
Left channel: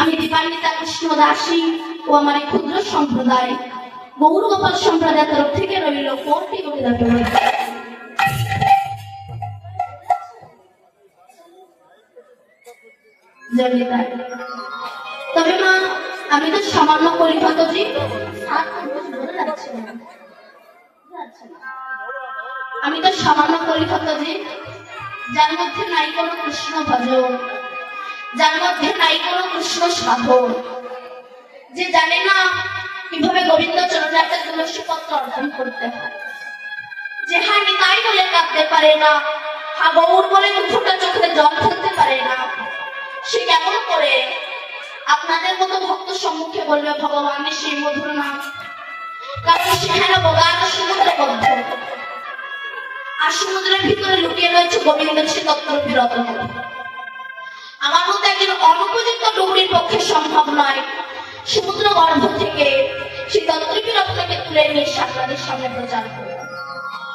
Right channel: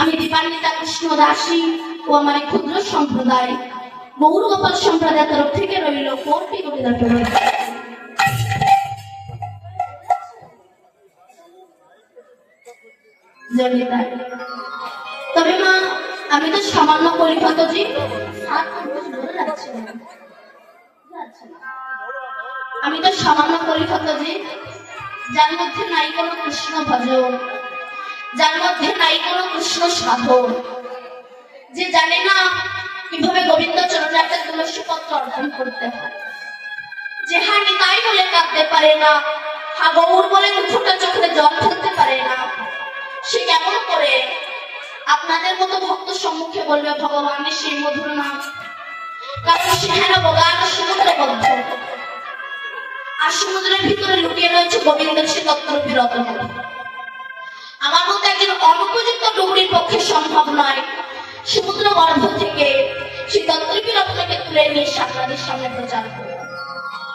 আমি দীপান্বিতা কৃষ্ণ দাসী ও আমার এই ক্ষুদ্র সম্প্রদায় গৌর গোপাল সম্প্রদায়ের তরফ থেকে রইল কোটি কোটি ধন্যবাদ। তবে মা আমি তো সামান্য পরিপত জীব, আমি তো সামান্য পরিপত জীব, যার মধ্যে নাই কোনো কৃষ্ণ ভজন, যার মধ্যে নাই কোনো কৃষ্ণ সাধন, যে জানে না কিভাবে গোবিন্দ চরণার্থে তুলসী পত্র অর্জন করতে হয়, যে হ্যাঁ নিতাই বলে কাঁদতে পারে না, হ্যাঁ গৌর বলে দুফোঁটা চোখে জল ফেলতে পারে না, সে কেমন করে আপনাদের মতো ভক্ত সম্মুখে বলবে ভগবানের সেই মধুর নাম? কারণ সেখানে বলার সমুদ্রবদ্ধ, আর সমুদ্রের ভিতরে লুকিয়ে রয়েছে গোবিন্দের সে তত্ত্বরূপী রত্ন। আমার মতো একজন অনুপযুক্ত ডুবুরির পক্ষে সম্ভব নয় সমুদ্র গর্ভ থেকে সেই তত্ত্বরূপী রত্নকে তুলে নিয়ে আপনাদের সামনে প্রচার করব।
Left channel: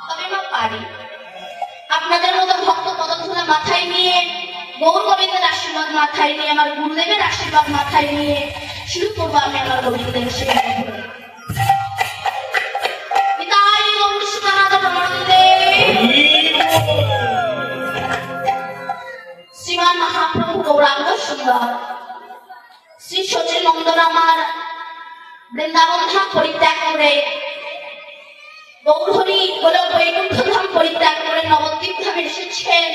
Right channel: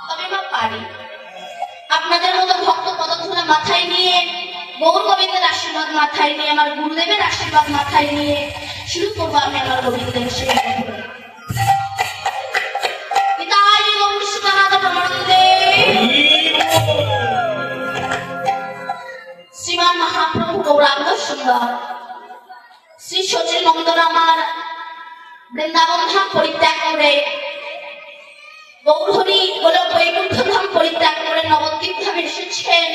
তবে মা পারি আপনাদের মতো ভক্ত পদধূলা মাথায় নিয়ে, গৌর গোবিন্দের আশীর্বাদ মাথায় নিয়ে, আমার গুরুদেবের আশীর্বাদ মাথায় নিয়ে শুরু করবো আমি আমার গোবিন্দের শেখা। শ্রীমান মহাপ্রভু গৌরাঙ্গ সুন্দর শ্রী সচিন নন্দন আমার বৃন্দাবন ধাম পরিত্যাগ করে, গৌরহরি গোলক বৈকুণ্ঠ ধাম পরিত্যাগ করে নবদ্বীপ ধামে এসেছেন।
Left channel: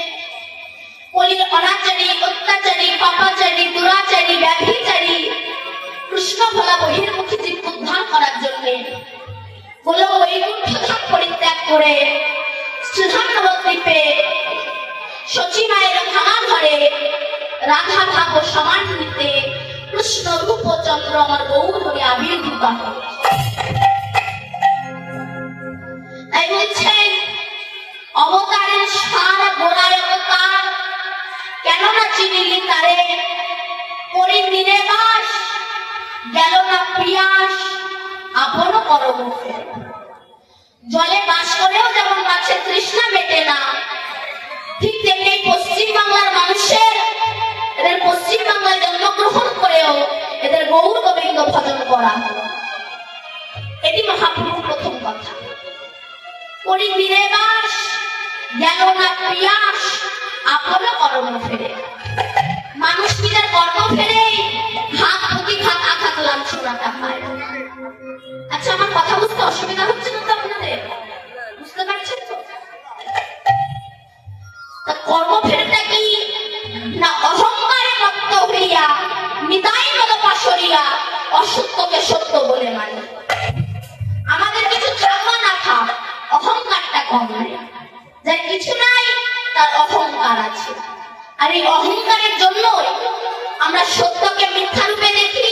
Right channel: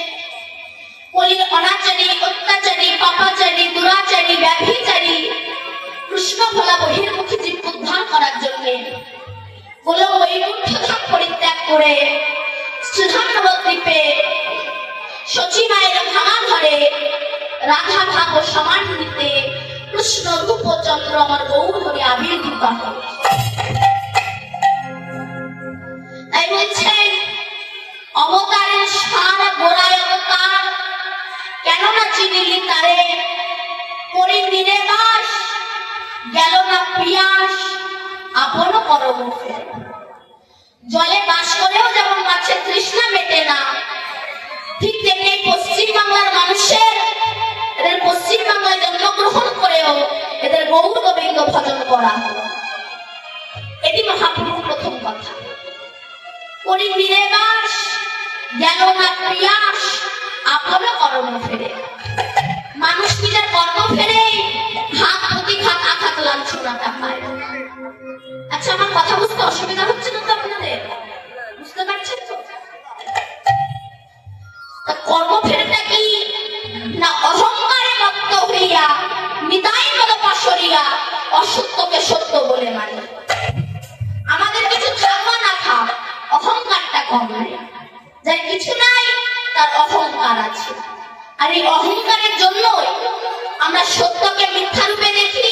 কলির অনাচারী, অত্যাচারী, পাপাচারী, দুরাচারী, ব্যাভিচারী কৃষ্ণ ভোলা বহির্মুখী জীব উদ্ধার করার জন্য গোলক বৈকুণ্ঠ ধাম পরিত্যাগ করে শ্রীধাম নবদ্বীপে শচী মায়ের ভাঙা ঘরে রাধা ভাগ ও সমান্বিতে কৃষ্ণ রূপচন্দ্র আমার গৌর হয়ে আবির্ভূত হয়। তাই বলছেন অবতারের সারা গোড়ায় অবতার, কেননা চিনিলি তারে করি দিনে বাস, গেল না পিয়াস আপন করম। জলে বাস করেও যেমন মাছের তৃষ্ণা মেটে না, ঠিক তেমনি পশ্চিম বাংলার মানুষের এদের পশ্চিম বাংলায় জন্মগ্রহণ করেও এদের গৌর গোবিন্দ ভজন করা, এটি মহাপ্রভুর প্রথম কথা। করি দিনে বাস, গেল না পিয়াস আপন কর্ম ফেরে। মানুষ নিজের কর্ম ফেরে ঘাত প্রতিঘাত আঘাত লাঞ্ছনাটা পায়। আচ্ছা আমার কথা বুঝতে অসুবিধা হচ্ছে না তো আপনাদের? বুঝতে পারছেন তো? কর্ম ফেরেটা কি না অহংকারে রক্ত হইয়া নিতাই পদপা সরিয়া অসত্যকে সত্য বলে মানে। আমাদের কিছু থাকা না থাক অহংকারটা কম নাই, যার কিছু নাই তার অহংকার আছে। আর এই অহংকারের জন্য আমরা সত্যকে মিথ্যা রূপে দেখি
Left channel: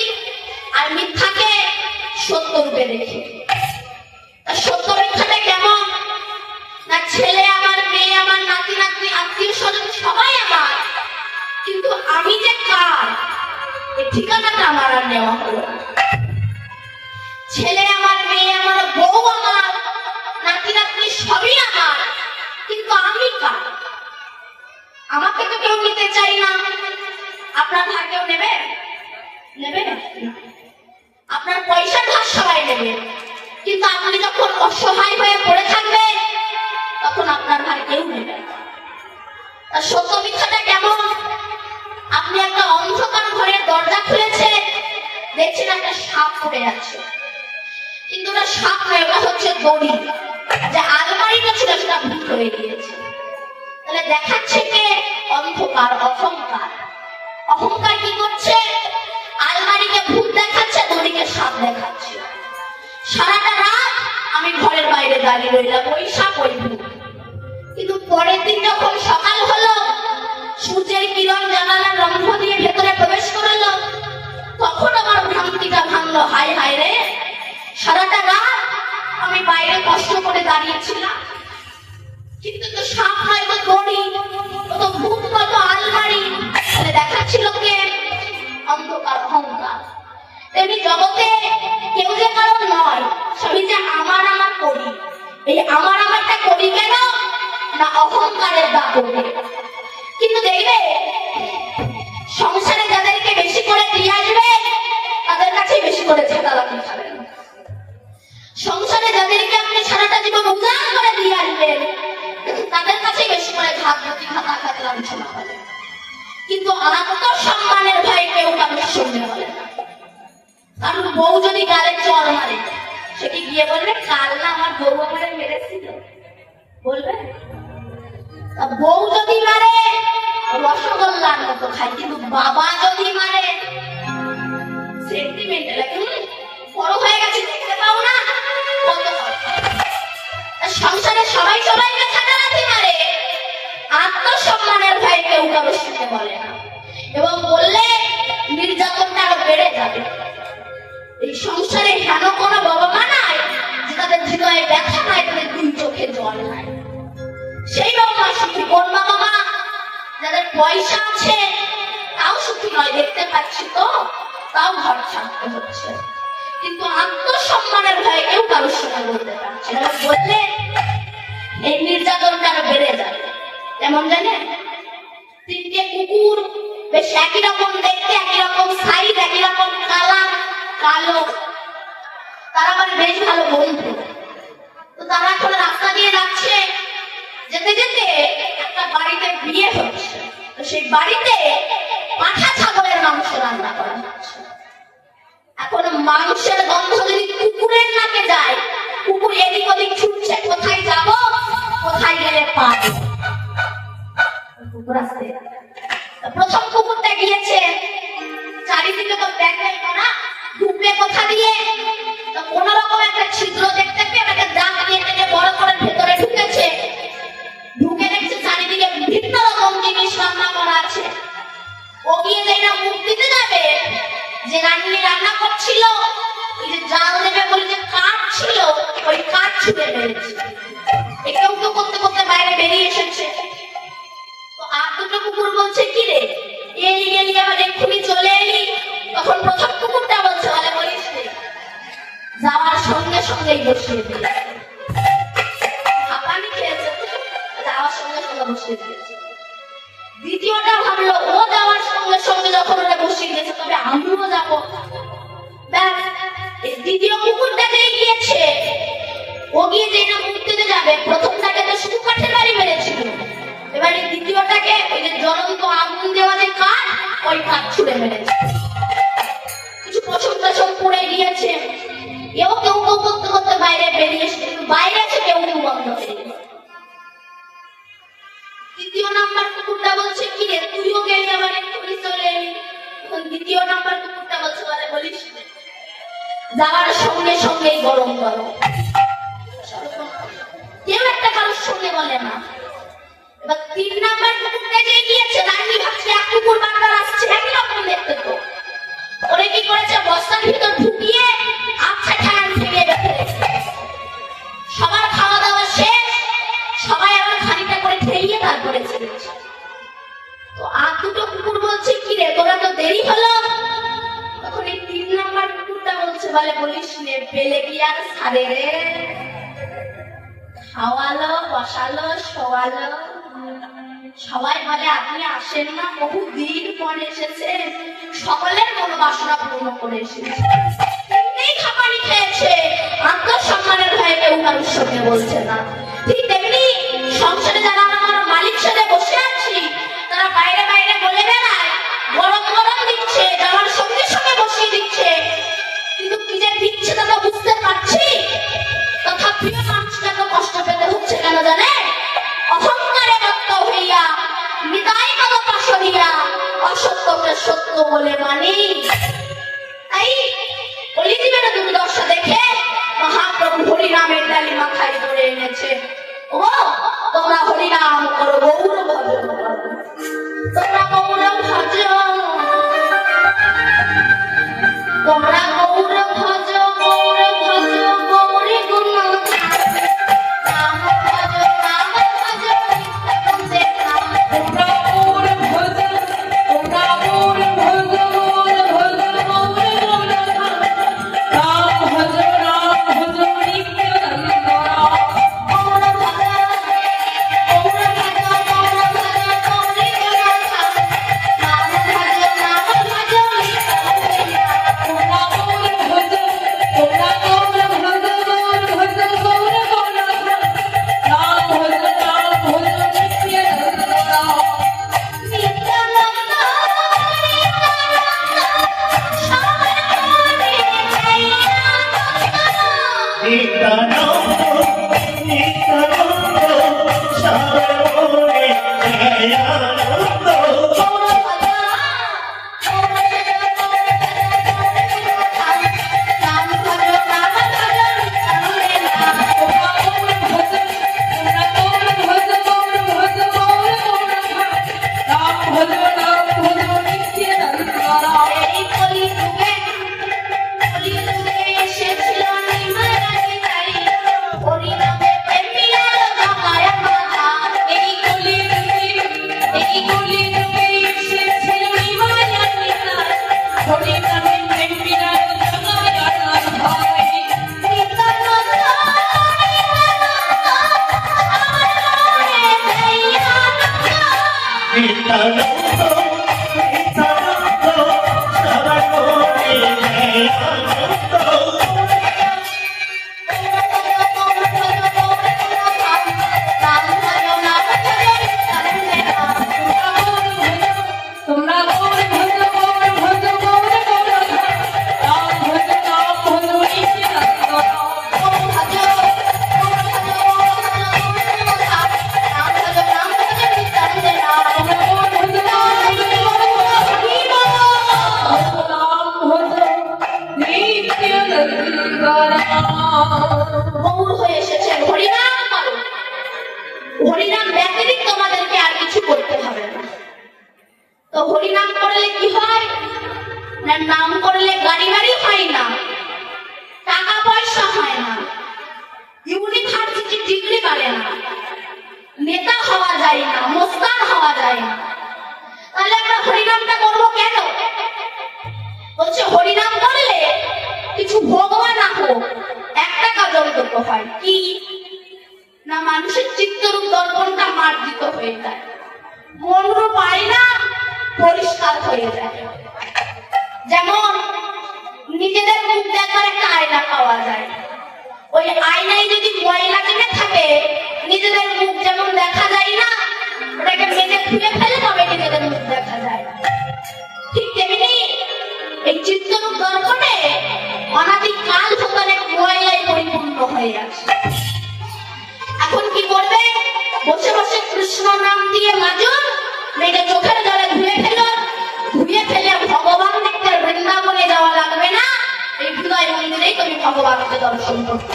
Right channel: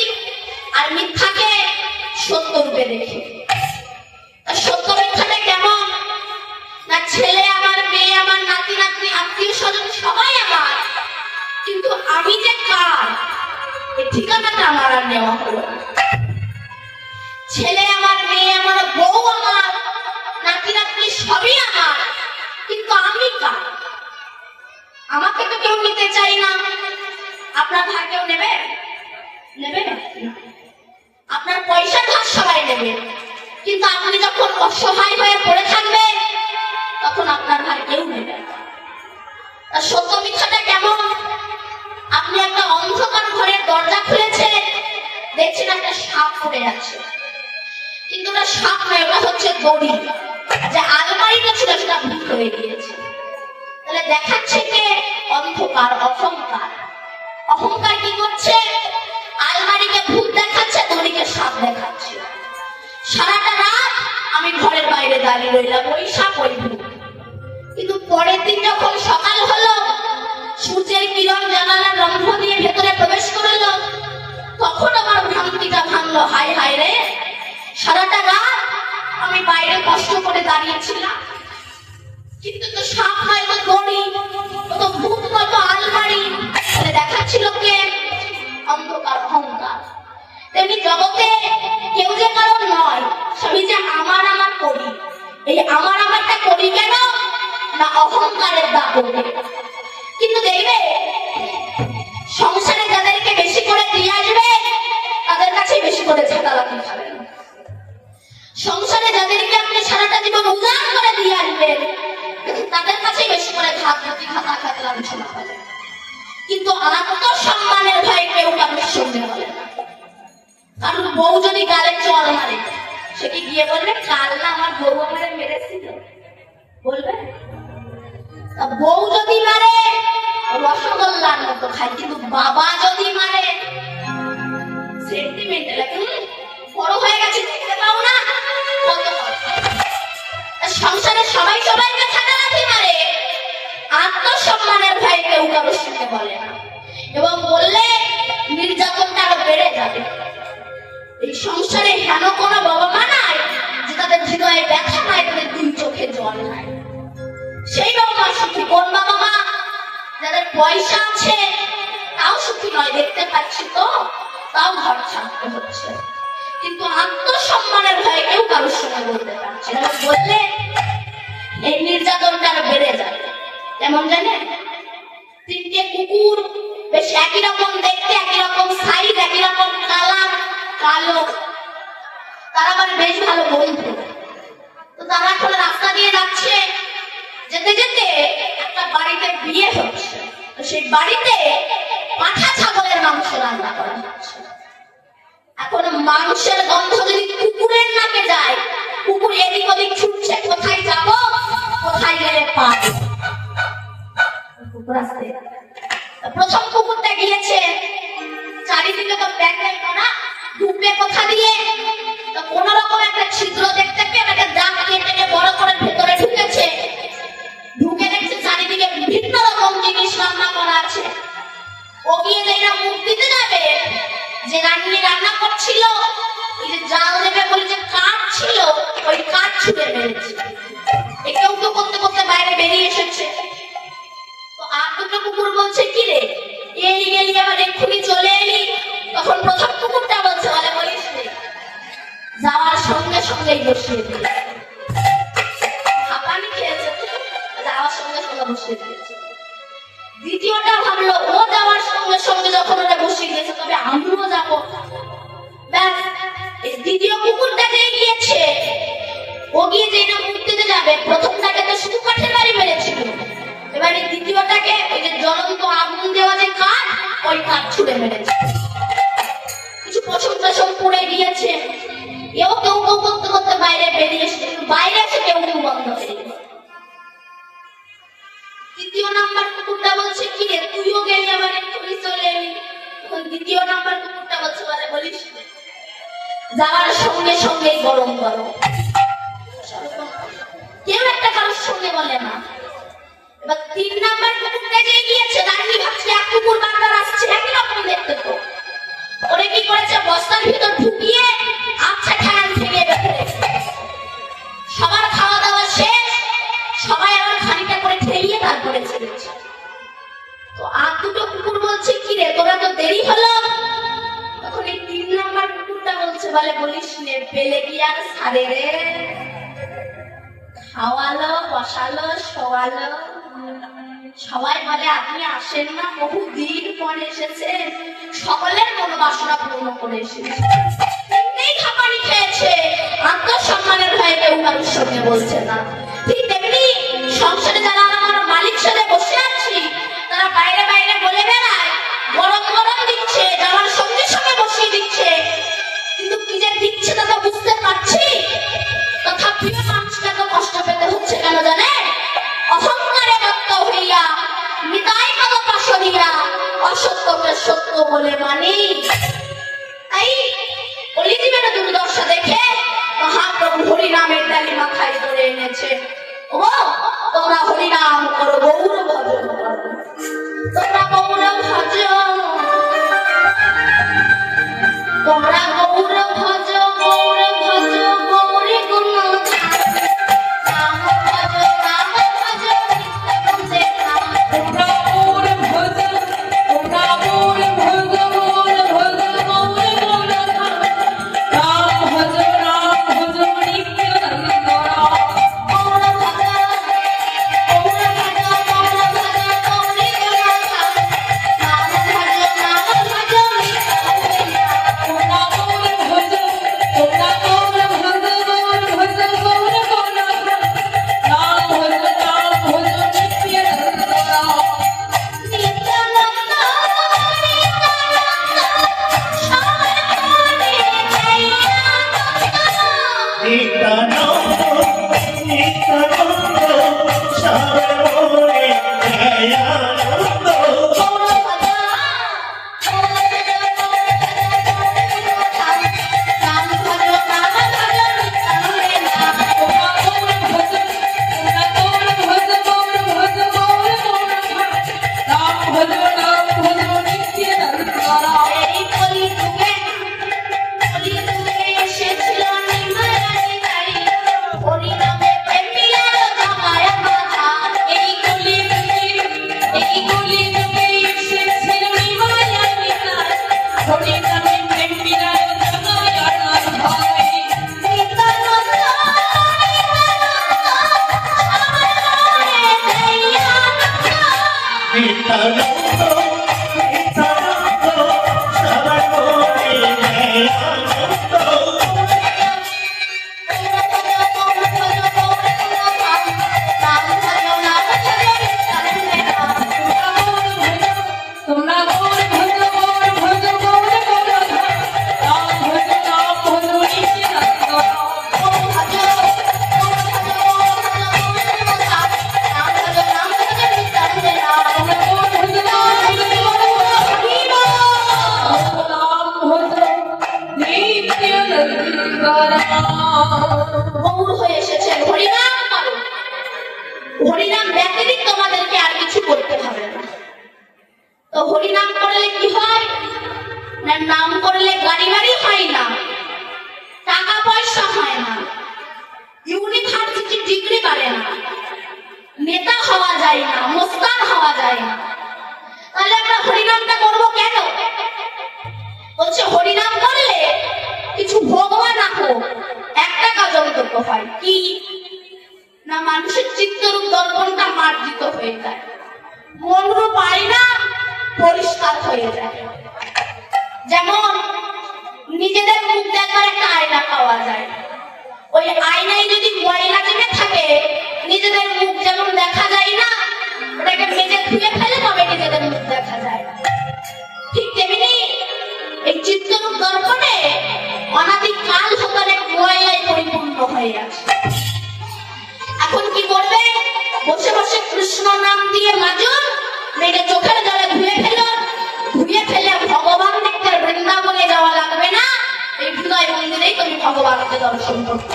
আর মিথ্যাকে সত্য রূপে দেখি। সত্য মিথ্যাটা কেমন না, ছেলে আমার, মেয়ে আমার, নাতি নাতনি, আত্মীয় স্বজন সবাই আমার, কিন্তু আমি যে কার এই ঠিকানাটা আমার আর নেওয়া হলো। ছেলে আমার, মেয়ে আমার, বউ আমার, নাতি নাতনি সবই আমার, কিন্তু আমি কার? আমাকে তো কেউ নিতে চাই না। আপনার ভাগ কেউ নেবে? নেবে? আপনার পয়সার ভাগ সবাই নেবে, কিন্তু আপনি যখন অসহায় হয়ে পড়ে থাকবেন তখন আপনার ভাগ কেউ নেবে। সত্য মিথ্যাটা কেমন? আপনি একটা অন্ধকার ঘরের দরজা খুলেছে, দেখছেন একটা সাপ পড়ে আছে, কিন্তু ওটা সাপ নয়, ওটা হচ্ছে দড়ি। যে আলমারিটা ছিল সেটা ভুল হয়ে গিয়েছে। তাহলে দেখাচ্ছে কে? অন্ধকার, অহংকার। অহংকার কি করছে? আলমারিকে ভূত দেখাচ্ছে, দড়িকে সাপ দেখাচ্ছে। সারাটা রাত আমি ঘরের বাইরে দাঁড়িয়ে রইলাম, ওই সাপ ওই ভূত। কিন্তু পরের দিন যখন সকাল হলো, সূর্যের কিরণ জানালার রম্ভ দিয়ে ভেতরে প্রবেশ করলো, তখন আমার ভ্রান্তিটা ভাঙলো। হায় হায় রে, সারাটা রাত আমি বাইরে কষ্ট করে দাঁড়িয়েছিলাম, কিন্তু তো সাপ নয়, তো দড়ি, তো ভূত নয়, তো আলমারি। দেখাচ্ছিল কে? অন্ধকার, অহংকার। তেমনি জগতে কেউ যে কারণ নয়, সবই যে আমার আমার করি। এই আমার আমারটা করি কেন না অহংকারের দাপটে। কিন্তু দেখবে সংসারে যাদেরকে বেশি করে দিয়ে আসবে তাদের কাছে বেশি করে ঝাঁটালাকি খাবেন। সংসারে যাদেরকে আপনি সারাটা জীবন উজাড় করে দিয়ে আসবেন তাদের কাছে বেশি করে ঘাত আলোচনা হবে, কিন্তু আত্মসম্মানের ভয়ে কেউ কারোর সঙ্গে বলে না। কারণ বউ যদি গালে চল মারে, সে কি গিয়ে বলবে কাল না আমার বউ আমারে মেরেছিল? বলবে? বউ যদি মারে রসগোল্লার মতো খায়, কিন্তু বাবা যদি মারে সেন্টিমেন্ট লাগে, বড় হয়ে গেছে দেখতে পাও না? সংসারে সবাই সবাইকে ঝাঁটালাকি মারে, আত্মসম্মানের ভয়ে কেউ কারোর সঙ্গে বলে না, এবং বললে নির্যাতনটা আরো বেড়ে যাবে। এই সংসারে হেন কোনো বাবা মা নাই যে তাদের হৃদয়ে ব্যথা নাই, তাদের দুই চোখে জল নাই। সেই বাবা মা সুখী। কোন বাবা মা? যাদের পয়সা আছে তাও সুখী নয়, দেখতে পাচ্ছি তো, তাও ঘর ছাড়তে হচ্ছে, কিন্তু আত্মসম্মানের ভয়ে কেউ কারোর সঙ্গে বলতে পারছে না। বললে এই নির্যাতনটা আরো বেড়ে যাবে। তেমন জানে তিনটে কুকুর, বেশ একই রকম দেখতে, একই রকম সাইজ, একই রকম কালার, কালো, তারা মানে বেশ ভালো বন্ধু। তো তারা এখন রাস্তা দিয়ে যাচ্ছে, যেতে যেতে একটা বাড়িতে বিয়ে হচ্ছে। তো সেই বাড়িতে পাঠা ছাগলের মাংস রান্না করা হচ্ছে। এখন মাংসের গন্ধ যদি কুকুরের নাকে যায়, কুকুর এদিক ওদিক ছুটছে, কোথায় যাব, কোথায় গেলে পাব। প্রথম কুকুরটা গিয়েছে, চারিদিকে তো প্যান্ডেল করা, ঢুকবে কোথা দিয়ে? তো কোন রকম একটা ছিদ্র দেখতে পেয়ে একটা দাগ দিয়ে টেনে বড় করে ভেতরে ঢুকেছে। ঢুকে দেখছে চারিদিকে বিভিন্ন রকম জিনিস রান্না করা আছে। ও গিয়ে যেটা মুখ দিতে যাবে, যে রান্নি রান্না করছিল, এই যে জাল দেবে বলে যে কাঠ ছিল, ওই কাঠ ছুঁড়ে মেরেছে। একেও তো করতে করতে বাইরে বেরিয়ে এসেছে। তো আর দুটো কুকুর বলছে কি রে, এলি গেলি আবার এক্ষুনি চলে এলি। তখন প্রথম কুকুরটা বলছে বলে বলিস রে, যাওয়ার সঙ্গে সঙ্গেই বসিয়ে দিল। হাঁপানি খেয়েছে, যাওয়ার সঙ্গে সঙ্গে বসিয়ে দিয়েছে। দ্বিতীয়টা ভাবলো ও যাওয়ার সঙ্গে সঙ্গে যখন ওরা বসিয়ে দিয়েছে, তবে আমিও যাবো। দ্বিতীয় কুকুরটাকেই গিয়েছে, ও গিয়ে যে না মুখ দিতে যাবে, প্রথমটাকে তো শুধু কাঠের বাড়ি মেরেছিল, এবারে দ্বিতীয়টাকে ওই যে জ্বলন্ত আগুন দেওয়া যে কাঠ, ওই কাঠ ছুঁড়ে মেরেছে। কিছু পশম টসম পড়ে গিয়েছে। কেউ কেউ কেউ করতে করতে বাইরে বেরিয়ে এসেছে, বাইরে এসে কেউ কেউ বন্ধ হয়ে গেছে। তৃতীয় নাম্বার কুকুরটা বলছে কি রে, তুইও গেলি আবার এক্ষুনি চলে এলি। দ্বিতীয় নাম্বার কুকুরটা বলছে বলে বলিস যাওয়ার সঙ্গে সঙ্গেই গরম করো। কেউ একটা কারোর সঙ্গে বলে না। এবার তিন নাম্বার কুকুরটা যে গিয়েছে, রানী ভাবছে এক কুকুর বারবার আসছে, একই রকম দেখতে তো। ওরে কি করেছে, বস্তার ভিতর ঢুকিয়ে আচ্ছা খেয়াল ফিরিয়ে রেখে রেখেছে। সবার খাওয়া দাওয়া শেষ, সবাই আবার খানিকটা করে খেয়ে তারপরে ছেড়েছে। তো আর দুটো কুকুর বলছে কি রে, তোরা তো দেরি হলো। তখন এই তিন নাম্বার কুকুরটা বলছে বলে বলিস রে, পেলে কি আর সারে রে, খাওয়ালো, বসালো, শোয়ালো। সবাই বলে আপনি আসেন না, বহুদিন পর এসেছেন, সকলের মনোবাসনা পূর্ণ করে এসেছে। খাবারই খেয়েছে, আত্মসম্মানের ভয়ে কেউ কারোর সঙ্গে বলছে না। ঠিক তেমনি সংসারে যারা আমার মালিক সাথে বসে আছি, তারা বাইরে বাইরে বলে বেড়ায় গরম গরম দিচ্ছে, যাওয়ার সঙ্গে সঙ্গে বসিয়ে দিচ্ছে, কিন্তু কি যে দিচ্ছে তা তো বুঝতে পারছি। তথাপিও মানুষকে এত কষ্ট পেতে হচ্ছে কেন জানে? অহংকারে মত্ত হইয়া, নিতাই মত পাশরিয়া, অসত্যকে সত্য বলে মানি। তাই অলিজিমের দুর্দশা দেখে মহাপ্রভু হরিনামের ডালি মাথায় করে এনেছে। ও তোমরা হরিনাম করো, গৌর ভজ, তোমরা গৌর ভজ, তোমরা গৌর ভজ, গৌর ভজ, গৌরী গুণ নাম ভজ, নাম ভজ, নিত্য নাম তোমরা গৌর ভজ, তোমরা গৌর ভজ, গৌর ভজ, গৌর গৌর নাম ভজ, নাম ভজ, নিত্য নাম গৌর হয়ে এসেছেন, হরিনাম করো। হরিনাম ব্যতিরিক্ত তোমাদেরকে আর কিছু করতে হবে না। তো হরিনাম করলে কি হয় না, নাম করলে গাড়ি গাড়ি হয় না, টাকা পয়সা হয় না, ইউনিভার্সিটি ডিগ্রি বাড়ে না, নেতা হওয়া যায় না, মোস্তান হওয়া যায় না। তাহলে আমরা হরিনামটা করবো কেন? বলছে হরিনাম করলে কিছু ভগবান হোক একটা কাজ অন্তত হয়, কি না মানুষের চিত্তরূপ দর্পণটা মার্জিত হয়ে যায়, মনরূপ আয়না পরিষ্কার হয়ে যায়। যেমন নিজেদের মুখ দেখার একটা আয়না পাওয়া যায়, ওই আয়নায় যদি ময়লা জমে থাকে নিজেদের মুখ যেমন দেখা যায় না, ওটাকে মেজে ধুয়ে ফেলে তবে নিজেদের মুখ দেখা যায়। ঠিক তেমনি এই চিত্তরূপ দর্পণে অনাদিকাল হতে অনেক ময়লায় পরিপূর্ণ হয়ে আছে। এখন কি করবে? বসে বসে কৃষ্ণ নাম দিয়ে মাজুন, রেগে চোখের জলে ধুয়ে ফেলো, ধুয়ে ফেলে ভগবান দেখতে বৃন্দাবনে যাওয়া লাগবে না, এই হৃদয় মন্দিরেই তুমি ভগবানকে দর্শন করতে।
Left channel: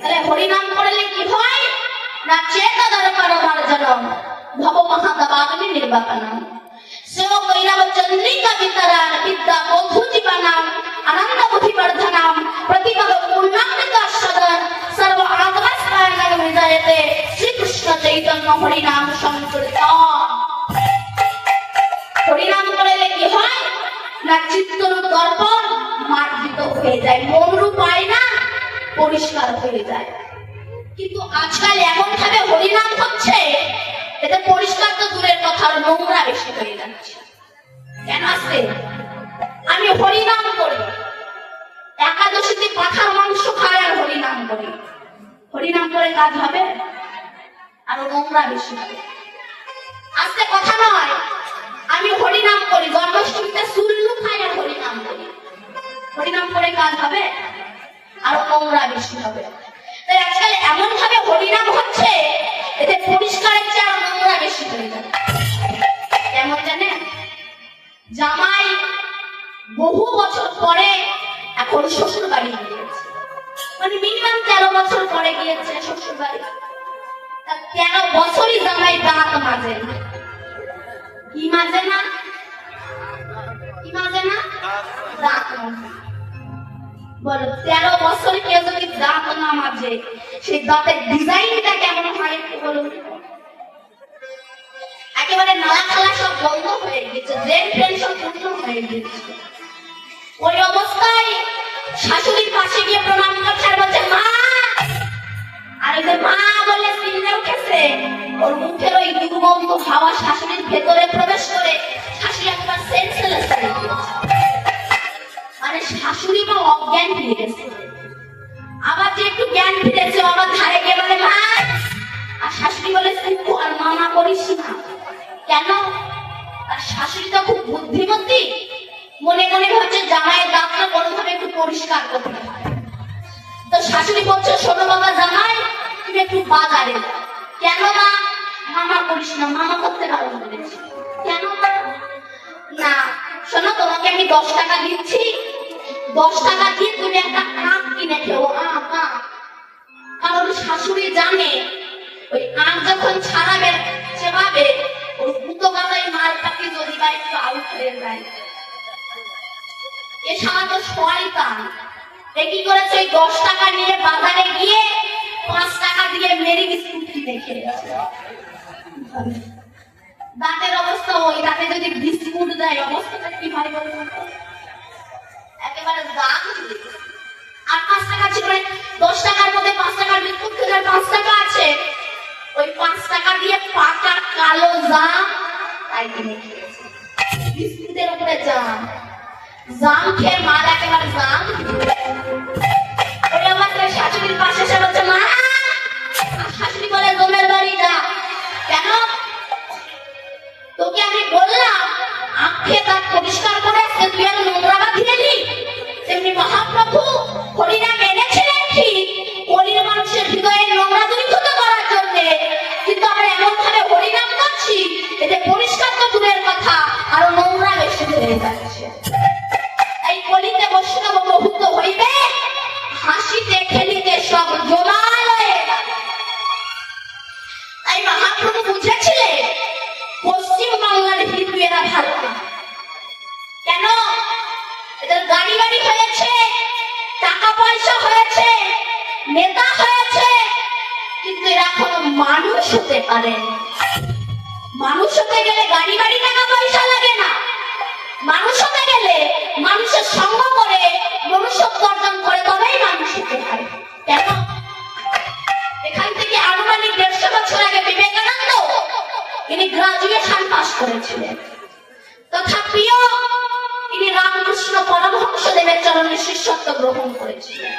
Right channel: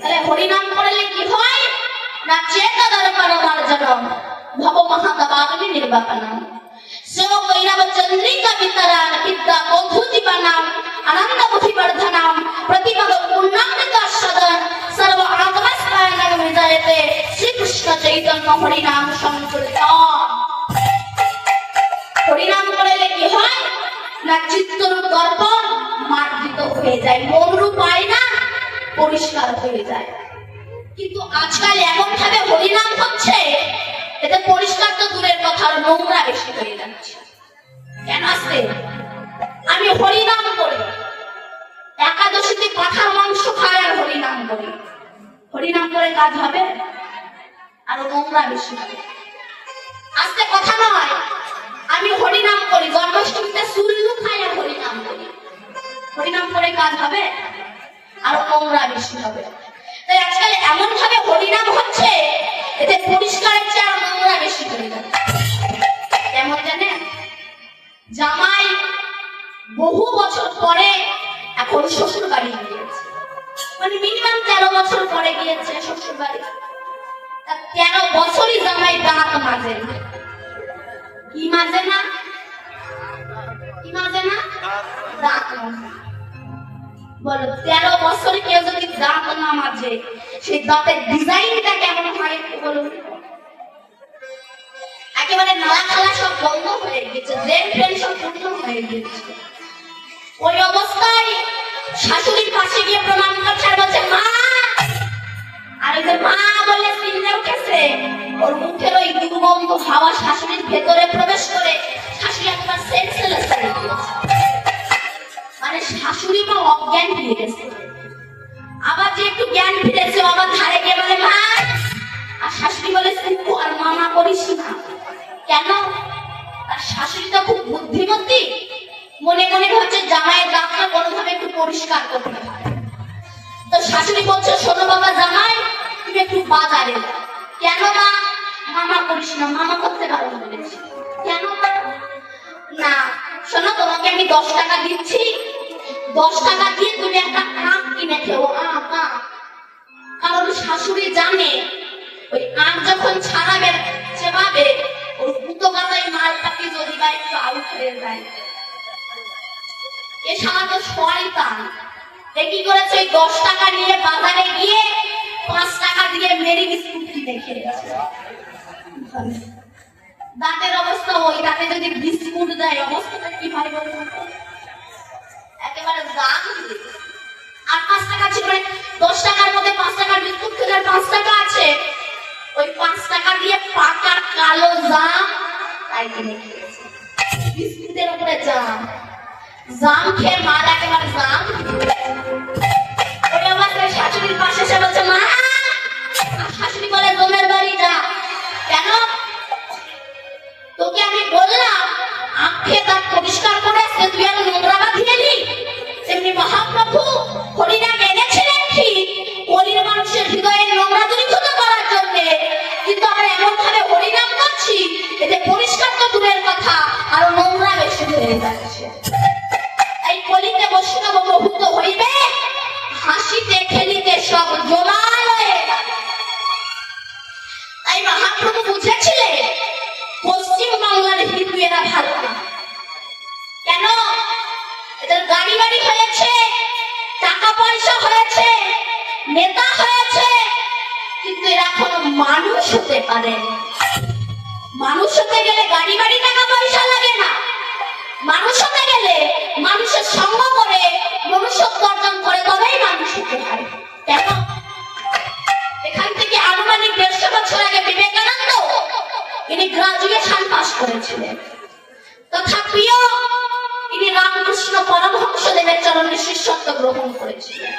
তাহলে হরিনাম করলে কি হয় না, চেত দর্পণ মার্জনম ভব মহাদবাগ্নি নির্বাপনম সেও কৈরাব চন্দ্রিকা বিতরান বিদ্যা বধূজীবনাম আনন্দ বুদ্ধিবর্ধনাম প্রতিপদ পূর্ণামৃতাস্বাদন সর্ব আত্মস্থায়নম বিজয়তে শ্রীকৃষ্ণ চৈতন্য হরিনাম সংকীর্তন। হরিনাম করলে কি হয় না, চিত্তরূপ দর্পণ মার্জিত হয়ে যায়, মনরূপ আয়না পরিষ্কার হয়ে যায়। কিন্তু আজকাল এমন ভাবে হরিনাম হচ্ছে, এতে পরিষ্কার তো দূরের কথা, নোংরা বেশি হয়ে যাচ্ছে। কেন আসছে? আমি হরিনাম করি, একাদশীতে পাখার মাংস খাই আর হরিনাম করি, হরিনাম করে কাজ হবে? আর নোংরা বেশি হবে। আজকে কথা নয়, আমি হরিনাম করি, জন্মাষ্টমীতে সুলু খাই আর হরিনাম করি, হরিনাম করে কাজ হবে? আর নোংরা বেশি হবে। তাই আজকাল এমন ভাবে হরিনাম হচ্ছে, এতে পরিষ্কারের চেয়ে আর নোংরা বেশি হয়ে যাবে। কেমন জানে? জামাই বহু বছর পরে এখন শ্বশুর বাড়ি গিয়েছে, মানে মিনিমাম 13 বছর পরে গিয়েছে শ্বশুর বাড়ি। 13 বছরই জামাই দাঁত মাজে না। কি মাজে না? কি মাজে না? দাঁত মাজে। বলো 13 বছর কেউ যদি দাঁত না মাজে, সেই দাঁতের ডিজাইনটা কেমন হয় একটু বলুন। একেবারে নয়া খেলা সব বন্ধ হয়ে গেছে, ব্রেন ফ্রেন সব পূর্ণ হয়ে গেছে। ওই অবস্থায় শাশুড়ির পাশে গিয়ে প্রণাম করছে আর বলছে মা, আর ওই যে মা বললে চিনতে উঠেছে, ওর মুখের ওই দুর্গন্ধ হাওয়া শাশুড়ির ভেতরে প্রবেশ করে শাশুড়ি একবার সেন্সলেস হয়ে গেছে, মানে শাশুড়ি মা অজ্ঞান ফিরে গেছে। আবার যে একটু জ্ঞান ফিরেছে, আবার ধারে গিয়ে বলে মা, আর শাশুড়ি বলে তুই আর মামা করিস না। কেন? আর শাশুড়িটা খুব বুদ্ধিমতী, মনে মনে ভাবছে জামাইয়ের দাঁতটা কোনোভাবে একটু পরিষ্কার করতে হবে। শাশুড়ি বলছে, শোনো বাবা জামাই, তুমি একটু বাজারে যাও। কেন মা? মামা করিস না, মামা করতে বারণ করেছি। কেন মা? না শোনো, তোমাকে আমি 10 টাকা দিচ্ছি, 10 টাকা দিয়ে তুমি একটা আখ কিনে খেও। আখ, কারণ শাশুড়ি জানে ওই আখ যখন ছাড়াবে চেবাবে, ওই ফুটো গলায় মালটাকে যদি বা একটু আউট হয়ে যায়। এ সামান্য শয়তান এ কি করেছে, ওই 10 টাকা নিয়ে বাজারে গিয়ে 5 টাকা দিয়ে মেরি বিস্কুট কিনে খেয়েছে। দাঁতের অবস্থা, ওই দাঁতে যদি বিস্কুট দেয় অবস্থাটা কি হয় বলুন তো? একেবারে দাম দিবে। আর 5 টাকা ছিল, 10 টাকার মধ্যে 5 টাকার বিস্কুট খেলে 5 টাকা আছে, ওই 5 টাকা দিয়ে পাকা কালো জাম তাই কিনে খেয়েছে। বিস্কুটের উপরে জাম, জাম খেয়ে মার একেবারে জাম। ওই আমার শাশুড়ির পাশে এসে বলছে, মা। আর শাশুড়ি বলে, জমের বাড়ি যা। কেন? তোকে আমি বললাম আখ খেয়ে দাঁত পরিষ্কার করে আসতে, তুই আর নোংরা বাঁধিয়ে নি। তেমনি মহাপ্রভু হরিনাম এনেছিলেন কি গরিব মানুষের হৃদয়ে নোংরা দূরীভূত করার জন্য, কিন্তু আমরা এমন ভাবে হরিনাম করছি এতে পরিষ্কার তো দূরের কথা, আরো নোংরা বেশি হয়ে যাচ্ছে। এই কলিতে বৈষ্ণব প্রভুত্ব হইবে, হাসিতে খেলিতে সব জোড়ায়। তাই মহাপ্রভু বুঝেছিলেন পশ্চিম বাংলার হিন্দু এরা ভালো না। কেন? এদের গাড়ি বাড়ি হয়েছে, টাকা পয়সা হয়েছে, নেতা হয়েছে, কিন্তু এরা কোনো মানুষ হতে পারে। মানুষ হতে গেলে গাড়ি বাড়ি টাকা পয়সা লাগে না। মানুষ হতে গেলে মানুষের সঙ্গ করে মনুষ্যত্ব অর্জন করে তবেই মানুষ হতে পারে। কেন? এখান থেকে আনুমানিক 150 বছর আগে বিবেকানন্দ ইনি গ্রাজুয়েশন পাস করেছিলেন। তথাপিও ইনি রামকৃষ্ণ পরমহংসদেবের চরণে শিষ্যত্ব গ্রহণ করেছিলেন।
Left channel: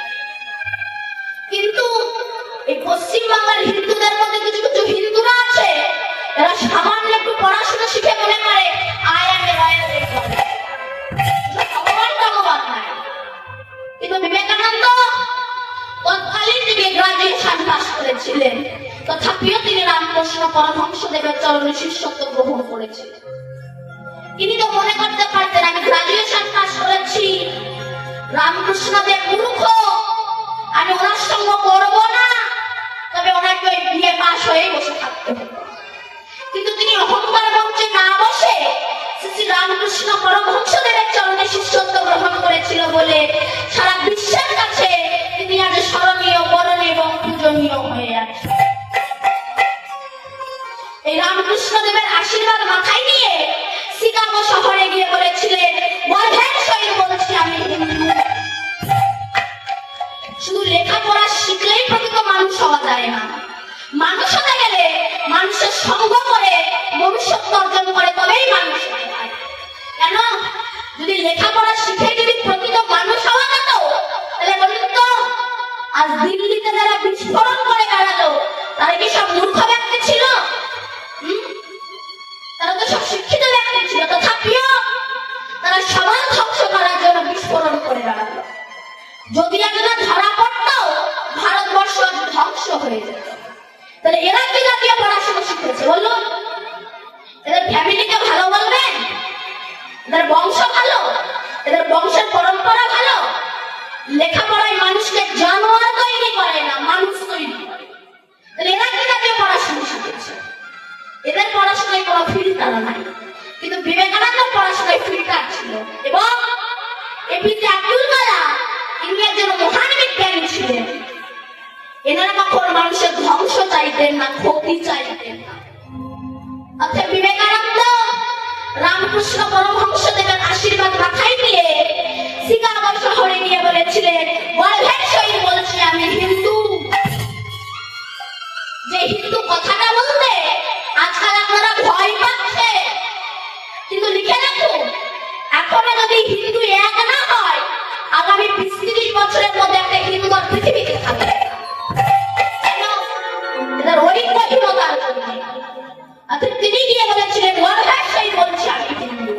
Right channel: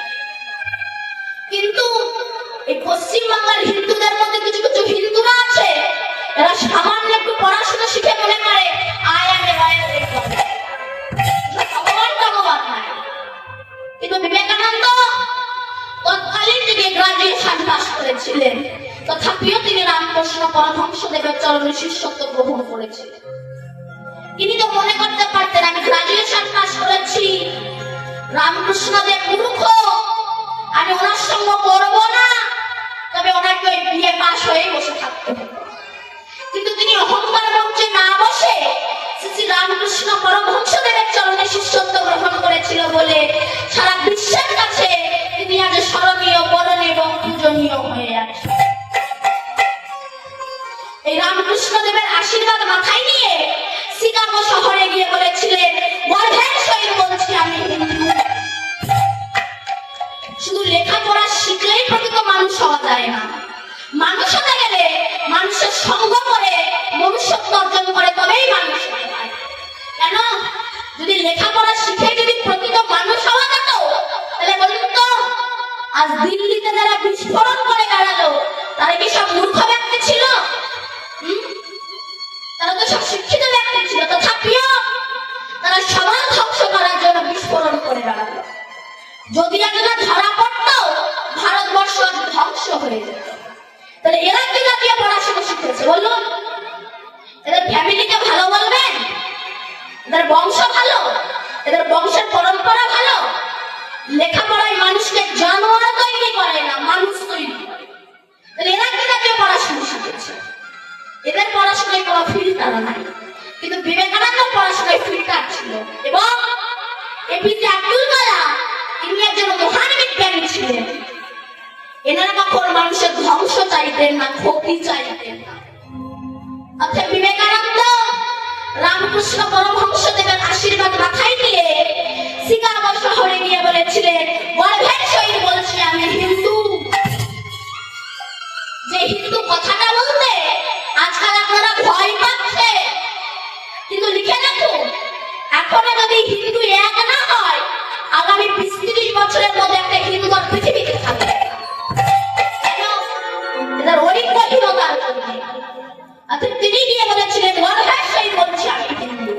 কিন্তু এই পশ্চিমবাংলার হিন্দুদের মধ্যে কিছু কিছু হিন্দুরা আছে, এরা সামান্য একটু পড়াশোনা শিখে মনে করে কিন্তু বিবেকানন্দ তৎকালীন যুগে গ্রাজুয়েশন পাস করেছিলেন, তথাপিও তিনি রামকৃষ্ণ পরমহংসদেবের চরণে শিষ্যত্ব গ্রহণ করেছিলেন। তিনি তো মনে করতে পারতেন আমি গ্রাজুয়েশন পাস করেছি, রামকৃষ্ণদেব মূর্খ, আমি ওনার সঙ্গ করব না, তবে ওনাকে ওই বিয়ে পাস হয়ে বসে থাকতে হবে। কিন্তু তিনি অহংকার মঞ্চে না বসে শ্রী রামকৃষ্ণ পরমহংসদেবের চরণে শিষ্যত্ব গ্রহণ করেছিল বলে সারা বিশ্বের কাছে তিনি আজ স্মরণীয়, বরণীয় এবং পূজনীয় হয়ে আছে। এই রামকৃষ্ণদেবের আশীর্বাদ মাথায় নিয়ে শিকাগো শহরে গিয়ে বলেছিলেন, গর্ভের সহিত বলছি আমি হিন্দু। শুধু লেখাপড়া শিখলেই প্রকৃত মানুষ হওয়া যায় না। মানুষ হতে গেলে মানুষের সঙ্গ করে মনুষ্যত্ব অর্জন করে তবেই মানুষ হতে পারে। কেন? যদি লেখাপড়া শিখে যদি প্রকৃত মানুষ হওয়া যেত, তাহলে বলুন তো আজ দিল্লিতে যারা বিস্ফোরণ করে বেড়ালো তারা কি সব মূর্খ ব্যক্তি ছিল? তারা তো সব শিক্ষিত ব্যক্তি ছিল, তথাপিও তারা সবার ধ্বংস করার জন্য বিস্ফোরণ করে বেড়ালো। যদি এগুলো ধরা পড়তো ভারতবর্ষ ধ্বংস হয়ে যেত। তাহলে এরা কি জাতীয় পড়াশোনা শিখেছে বলুন? এদের ফ্যামিলিকে ভালো বলবেন? এদের বংশ ভালো? এদের বংশের পরম্পরা ভালো? লেখাপড়ায় মানুষকে জানোয়ার তৈরি করে না, মানুষ তৈরি করে। তাহলে এরা কি জাতীয় পড়াশোনা শিখেছে? এদের পড়াশোনায় কোনো ফিল্টার নাই, কিন্তু বিবেকানন্দ পড়াশোনায় ফিল্টার ছিল। এবং এপিজে আব্দুল কালাম তিনি একজন মহান বিজ্ঞানী ছিলেন। এনারা কখন মানুষের ধ্বংস চাইতেন না, ক্ষতি চাইতেন না। অর্থাৎ বিবেকানন্দ রামকৃষ্ণ পরমহংসদেবের আশীর্বাদ মাথায় নিয়ে শিকাগো শহরে গিয়ে বলেছিলেন, গর্ভের সহিত বলছি আমি হিন্দু। যে হিন্দু কথাটা বলতে আজকাল আপনারা ভয় পাচ্ছে, কিন্তু লিখে রাখুন, এখনো যদি হিন্দু এক না হয়, আগামী 20-30 বছরের মধ্যে একটা হিন্দু পৃথিবীতে থাকবে। এদের ঐক্যহীনতার কারণে। অর্থাৎ তিনি গিয়ে বলেছিলেন, গর্ভের সহিত বলছি আমি হিন্দু।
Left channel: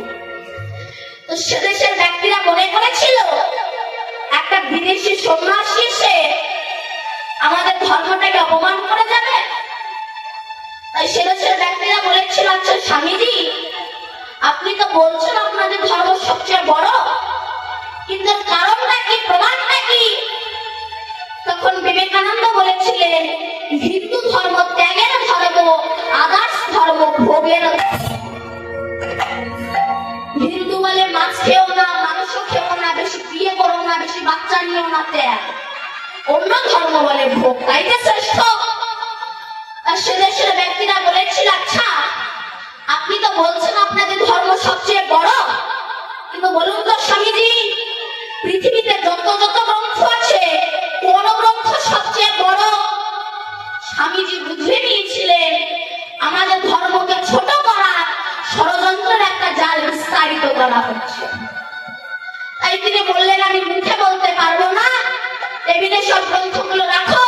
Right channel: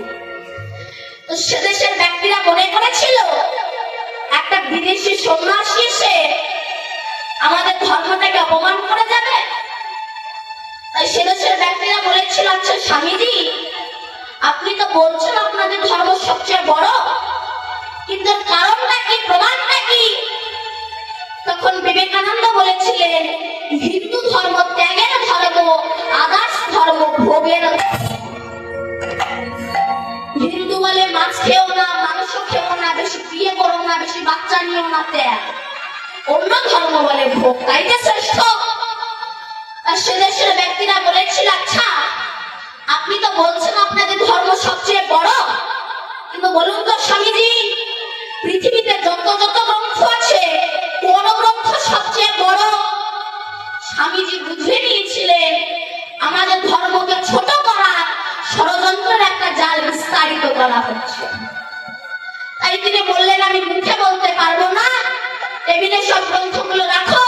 তো সেদেশের ব্যক্তিরা মনে করেছিল একটা বিদেশি সন্ন্যাসী এসে আমাদের ধর্মটাকে অপমান করে যাবে। তাই সে দেশের ব্যক্তিরা বলেছিল, আচ্ছা স্বামীজি, আপনি তো বলছেন আপনাদের ধর্ম সবচেয়ে বড়, কিন্তু কারণটা কি, প্রমাণটা কি? তখন বিবেকানন্দ বলেছিলেন, হিন্দু ধর্ম ত্যাগের ধর্ম, আদার্স ধর্ম ভোগের। হিন্দু বলে মাছ খেও না, মাংস খেও না, বেশি বিয়ে করো না, বেশি বাচ্চা নিও না, ত্যাগ। অন্য ধর্ম বলে ভোগ, তাই যে শ্রেষ্ঠ। আর সে দেশের ব্যক্তিরা বলেছিল, আচ্ছা আপনি তো বলছেন আপনাদের ধর্ম সবচেয়ে বড়, কিন্তু বলুন তো স্বামীজি, পৃথিবীতে যত যত গ্রন্থ আছে কোন গ্রন্থ সবচেয়ে বড়? স্বামীজি বুঝে নিয়েছিলেন আমাদের ধর্মকে ছোট করার ষড়যন্ত্রের একটা জাল বিস্তারিত করা হচ্ছে। তাই তিনি বললেন, আমি মুখে বলতে পারবো না, টেবিলে সব গ্রন্থগুলো রাখো,